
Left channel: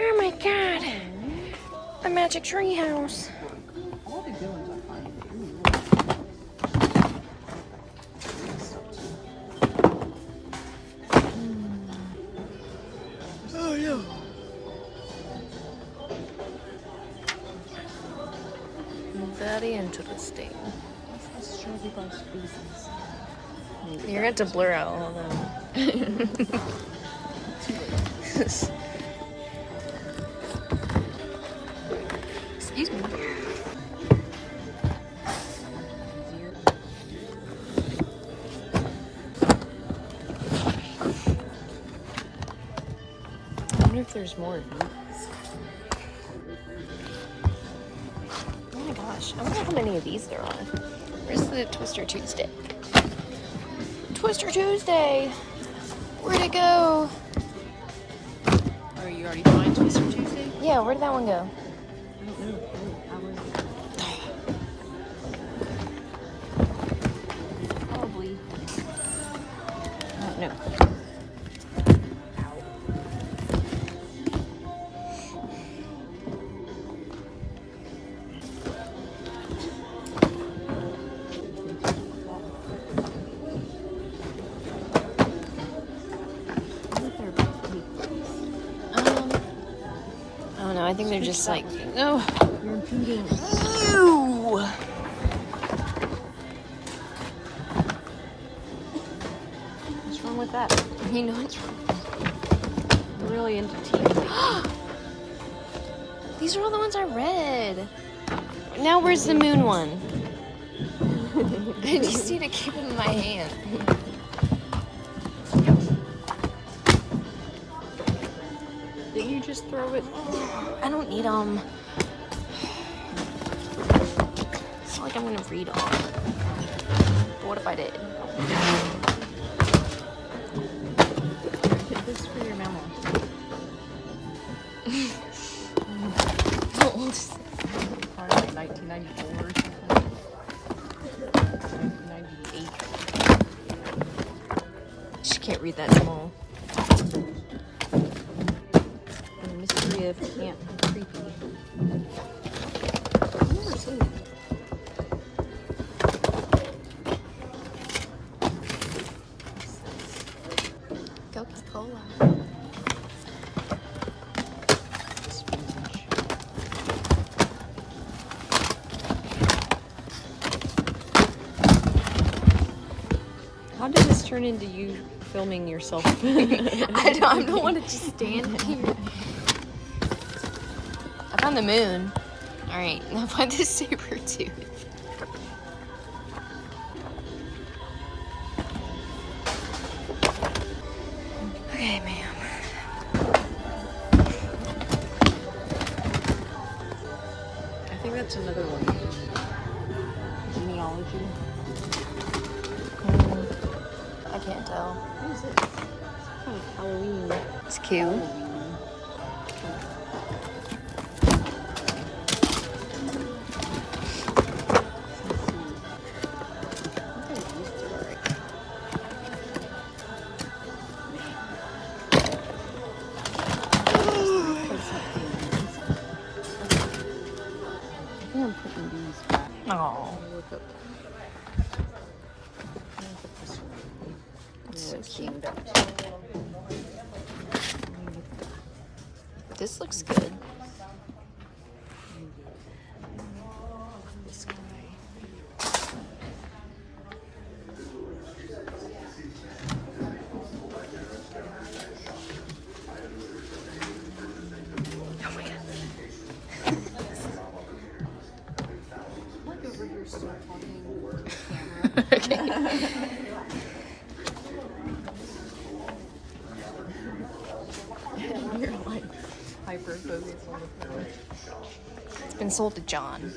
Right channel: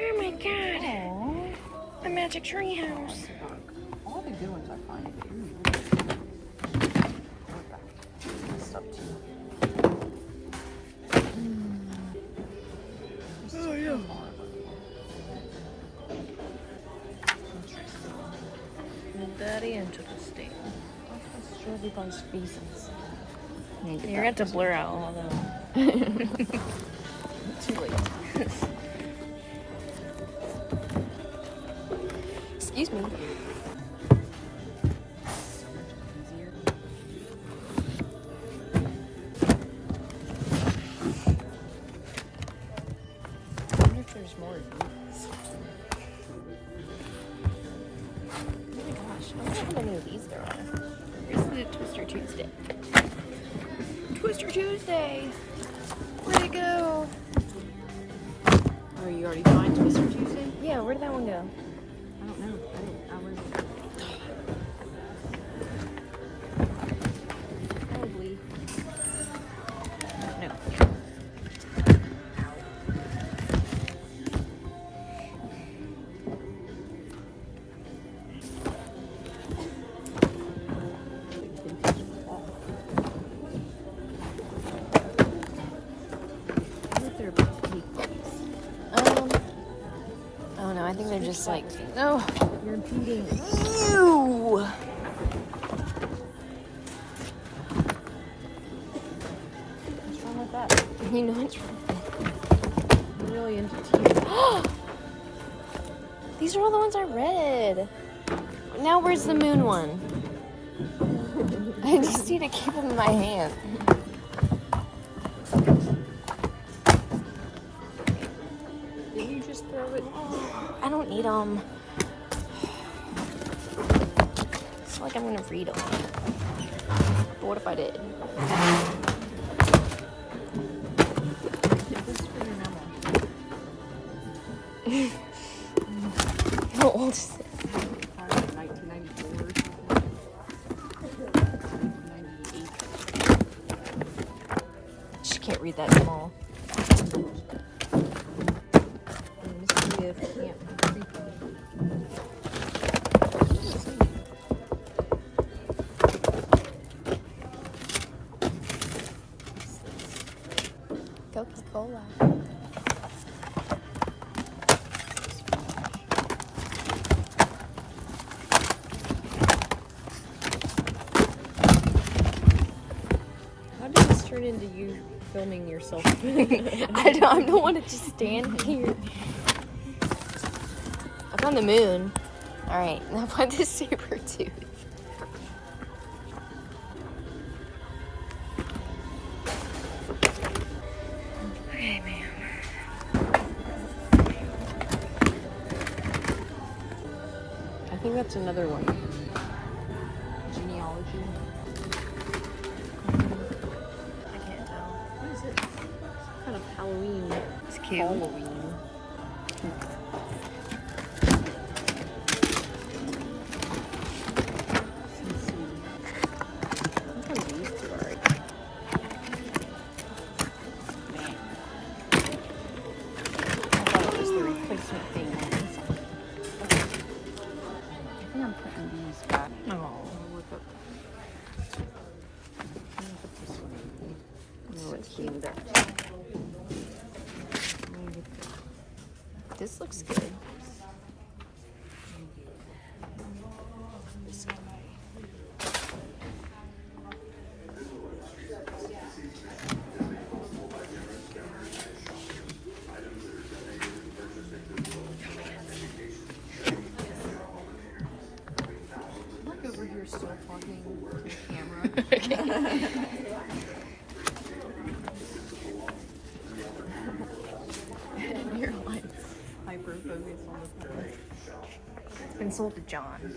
Oh my god. Aww. A magic tree house. All the good ones I find. Oh yeah. body and took a sting. Let's show you those pieces. You're gonna have to blur out all of them. Too late. Excuse me. I wonder if there's more of these. Oh my gosh, I wonder how many of these there are. Where's the Twister Tuesday? Twister Tuesday! Where'd it go? Are you already fine Twister Tuesday? Yeah, where'd that one go? I don't know. I wasn't there. Probably. I don't know. I don't know. I think they're just like, no. You're impeding. Ew! What's wrong with that? You know what's wrong? I'm really into tea. These are all the ones I read. Now where's the moon one? I just need to keep them in my hand. Didn't you just throw it? I don't need them. It's not like I'm gonna read them. But what if I did? Take this for your mouth. How old is it? Probably like 1994 or something. 1998. She can't read that small. And mischief can't be creepy. Coca-Cola. How did this turn into you filming yourself? I don't want to just stand here. I found the moon. Alright, now find this saber tooth. Okay, ma'am. I think that's another one. Genealogy. I can't tell. What is it? Kind of Halloween. It's cute. Halloween. Let's see. What kind of these two are? I think I'm putting these back. Oh, Look up. Look at this one. it's so It's cute. cleaned up. This looks good. This guy. I'm like over here still talking with the camera. And you're like hyper focused on the camera. It's been sold to John.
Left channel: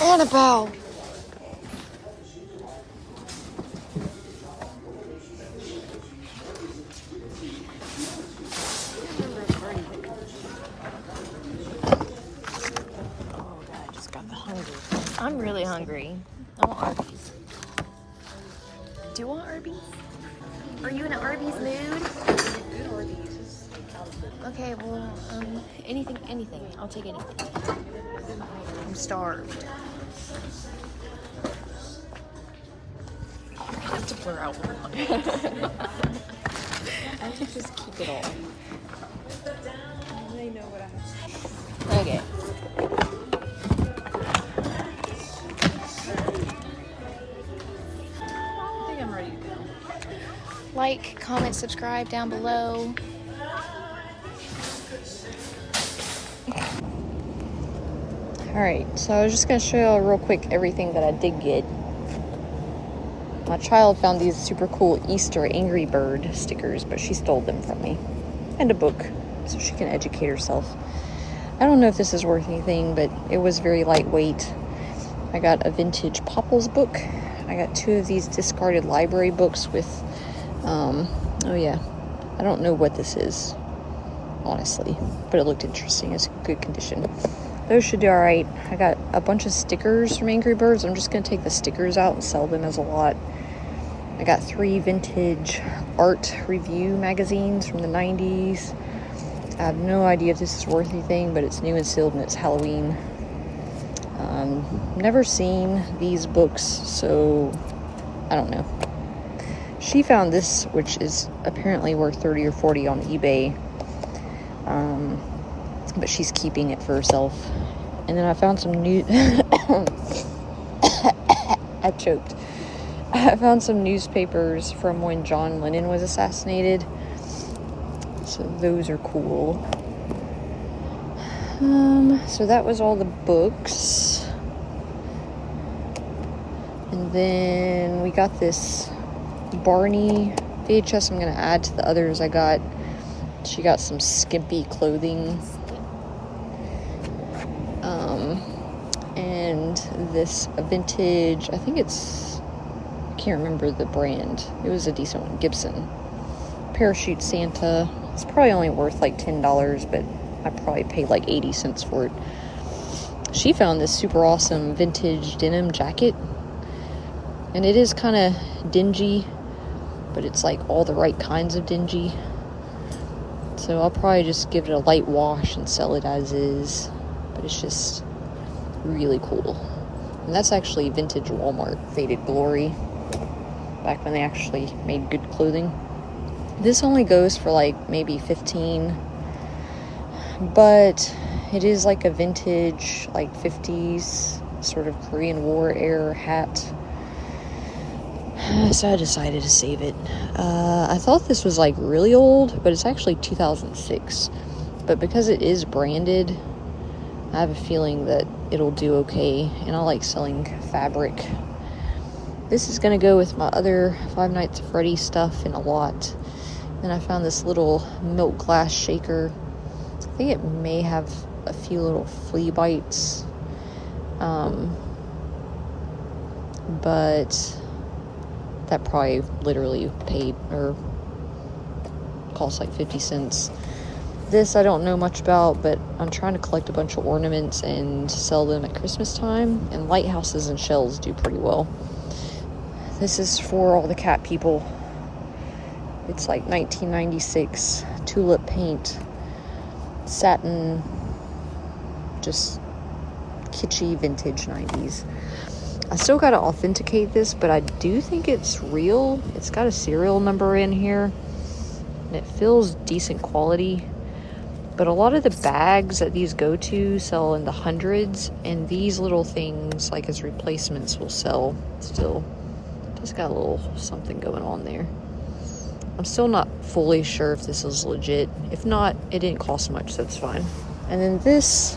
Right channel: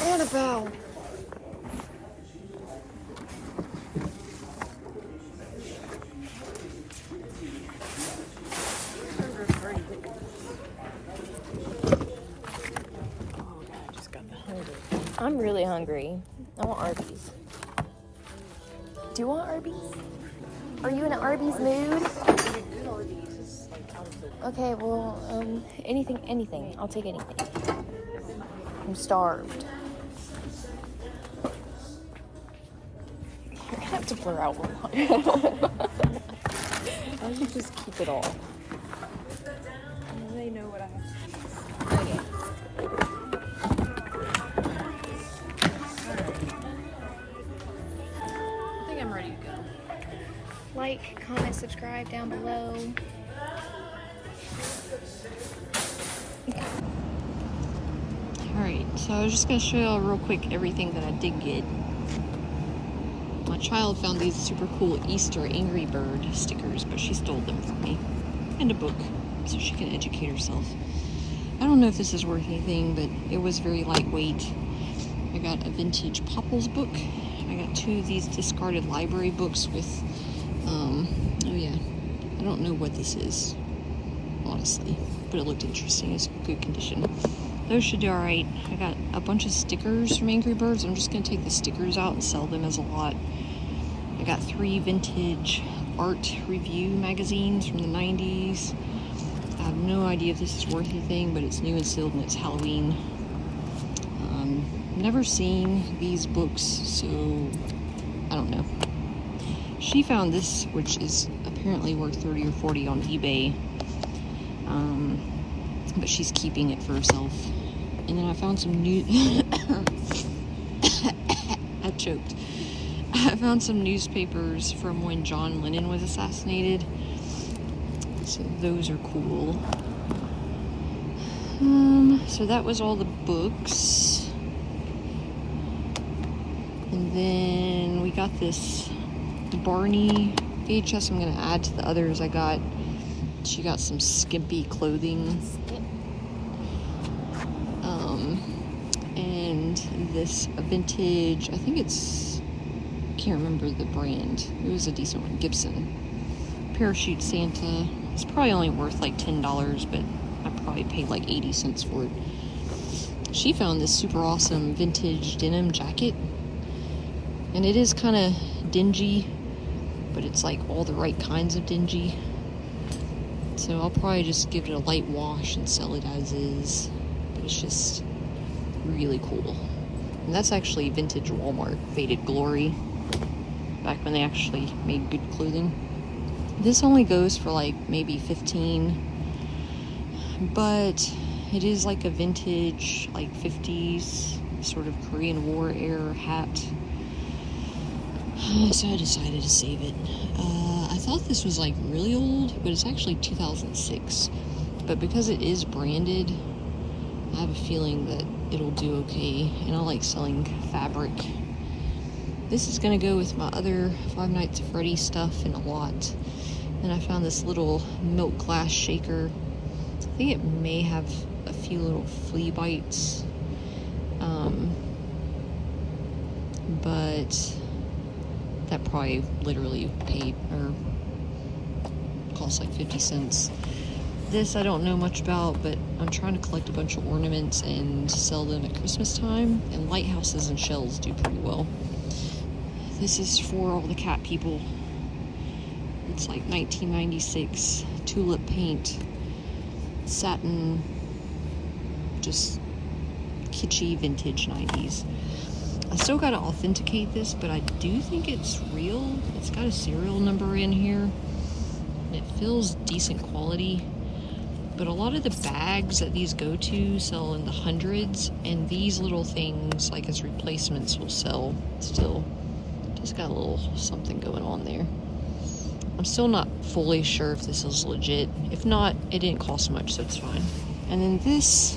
Annabelle. Oh god, I just got the hunger. I'm really hungry. I want Arby's. Do you want Arby's? Are you in an Arby's mood? Okay, well, anything. I'll take anything. I'm starved. I have to blur out one. I can just keep it all. They know what I have. Okay. I think I'm ready to go. Like, comment, subscribe down below. Alright, so I was just going to show you real quick everything that I did get. My child found these super cool Easter Angry Bird stickers, but she stole them from me. And a book, so she can educate herself. I don't know if this is worth anything, but it was very lightweight. I got a vintage Popples book. I got 2 of these discarded library books with, oh yeah, I don't know what this is, honestly, but it looked interesting. It's in good condition. Those should do alright. I got a bunch of stickers from Angry Birds. I'm just going to take the stickers out and sell them as a lot. I got 3 vintage art review magazines from the 90s. I have no idea if this is worth anything, but it's new and sealed and it's Halloween. Never seen these books, so I don't know. She found this, which is apparently worth 30 or 40 on eBay. But she's keeping it for herself. And then I found some new I choked. I found some newspapers from when John Lennon was assassinated. So those are cool. So that was all the books. And then we got this Barney VHS I'm gonna add to the others I got. She got some skimpy clothing. And this vintage, I think it's, I can't remember the brand. It was a decent one, Gibson. Parachute Santa. It's probably only worth like $10, but I probably paid like 80 cents for it. She found this super awesome vintage denim jacket. And it is kind of dingy, but it's like all the right kinds of dingy. So I'll probably just give it a light wash and sell it as is. But it's just really cool. And that's actually vintage Walmart Faded Glory, back when they actually made good clothing. This only goes for like maybe 15, but it is like a vintage, like 50s sort of Korean War era hat. So I decided to save it. I thought this was like really old, but it's actually 2006. But because it is branded, I have a feeling that it'll do okay, and I like selling fabric. This is going to go with my other Five Nights at Freddy's stuff in a lot. Then I found this little milk glass shaker. I think it may have a few little flea bites. But that probably literally paid or cost like 50 cents. This I don't know much about, but I'm trying to collect a bunch of ornaments and sell them at Christmas time, and lighthouses and shells do pretty well. This is for all the cat people. It's like 1996 tulip paint, satin, just kitschy vintage 90s. I still gotta authenticate this, but I do think it's real. It's got a serial number in here, and it feels decent quality. But a lot of the bags that these go to sell in the hundreds, and these little things, like as replacements, will sell still. Just got a little something going on there. I'm still not fully sure if this is legit. If not, it didn't cost much, so it's fine. And then this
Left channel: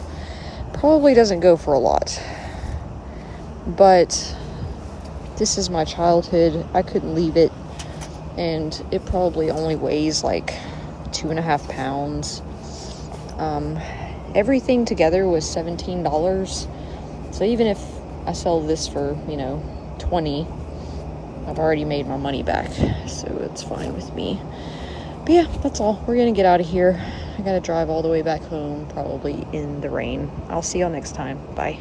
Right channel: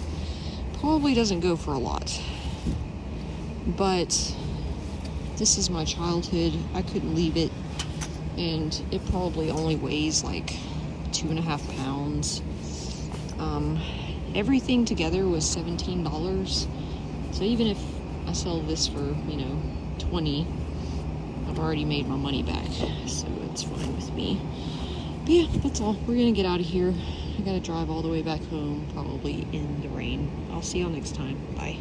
probably doesn't go for a lot. But this is my childhood. I couldn't leave it. And it probably only weighs like 2.5 pounds. Everything together was $17. So even if I sell this for, you know, 20, I've already made my money back. So it's fine with me. But yeah, that's all. We're gonna get out of here. I gotta drive all the way back home, probably in the rain. I'll see y'all next time. Bye.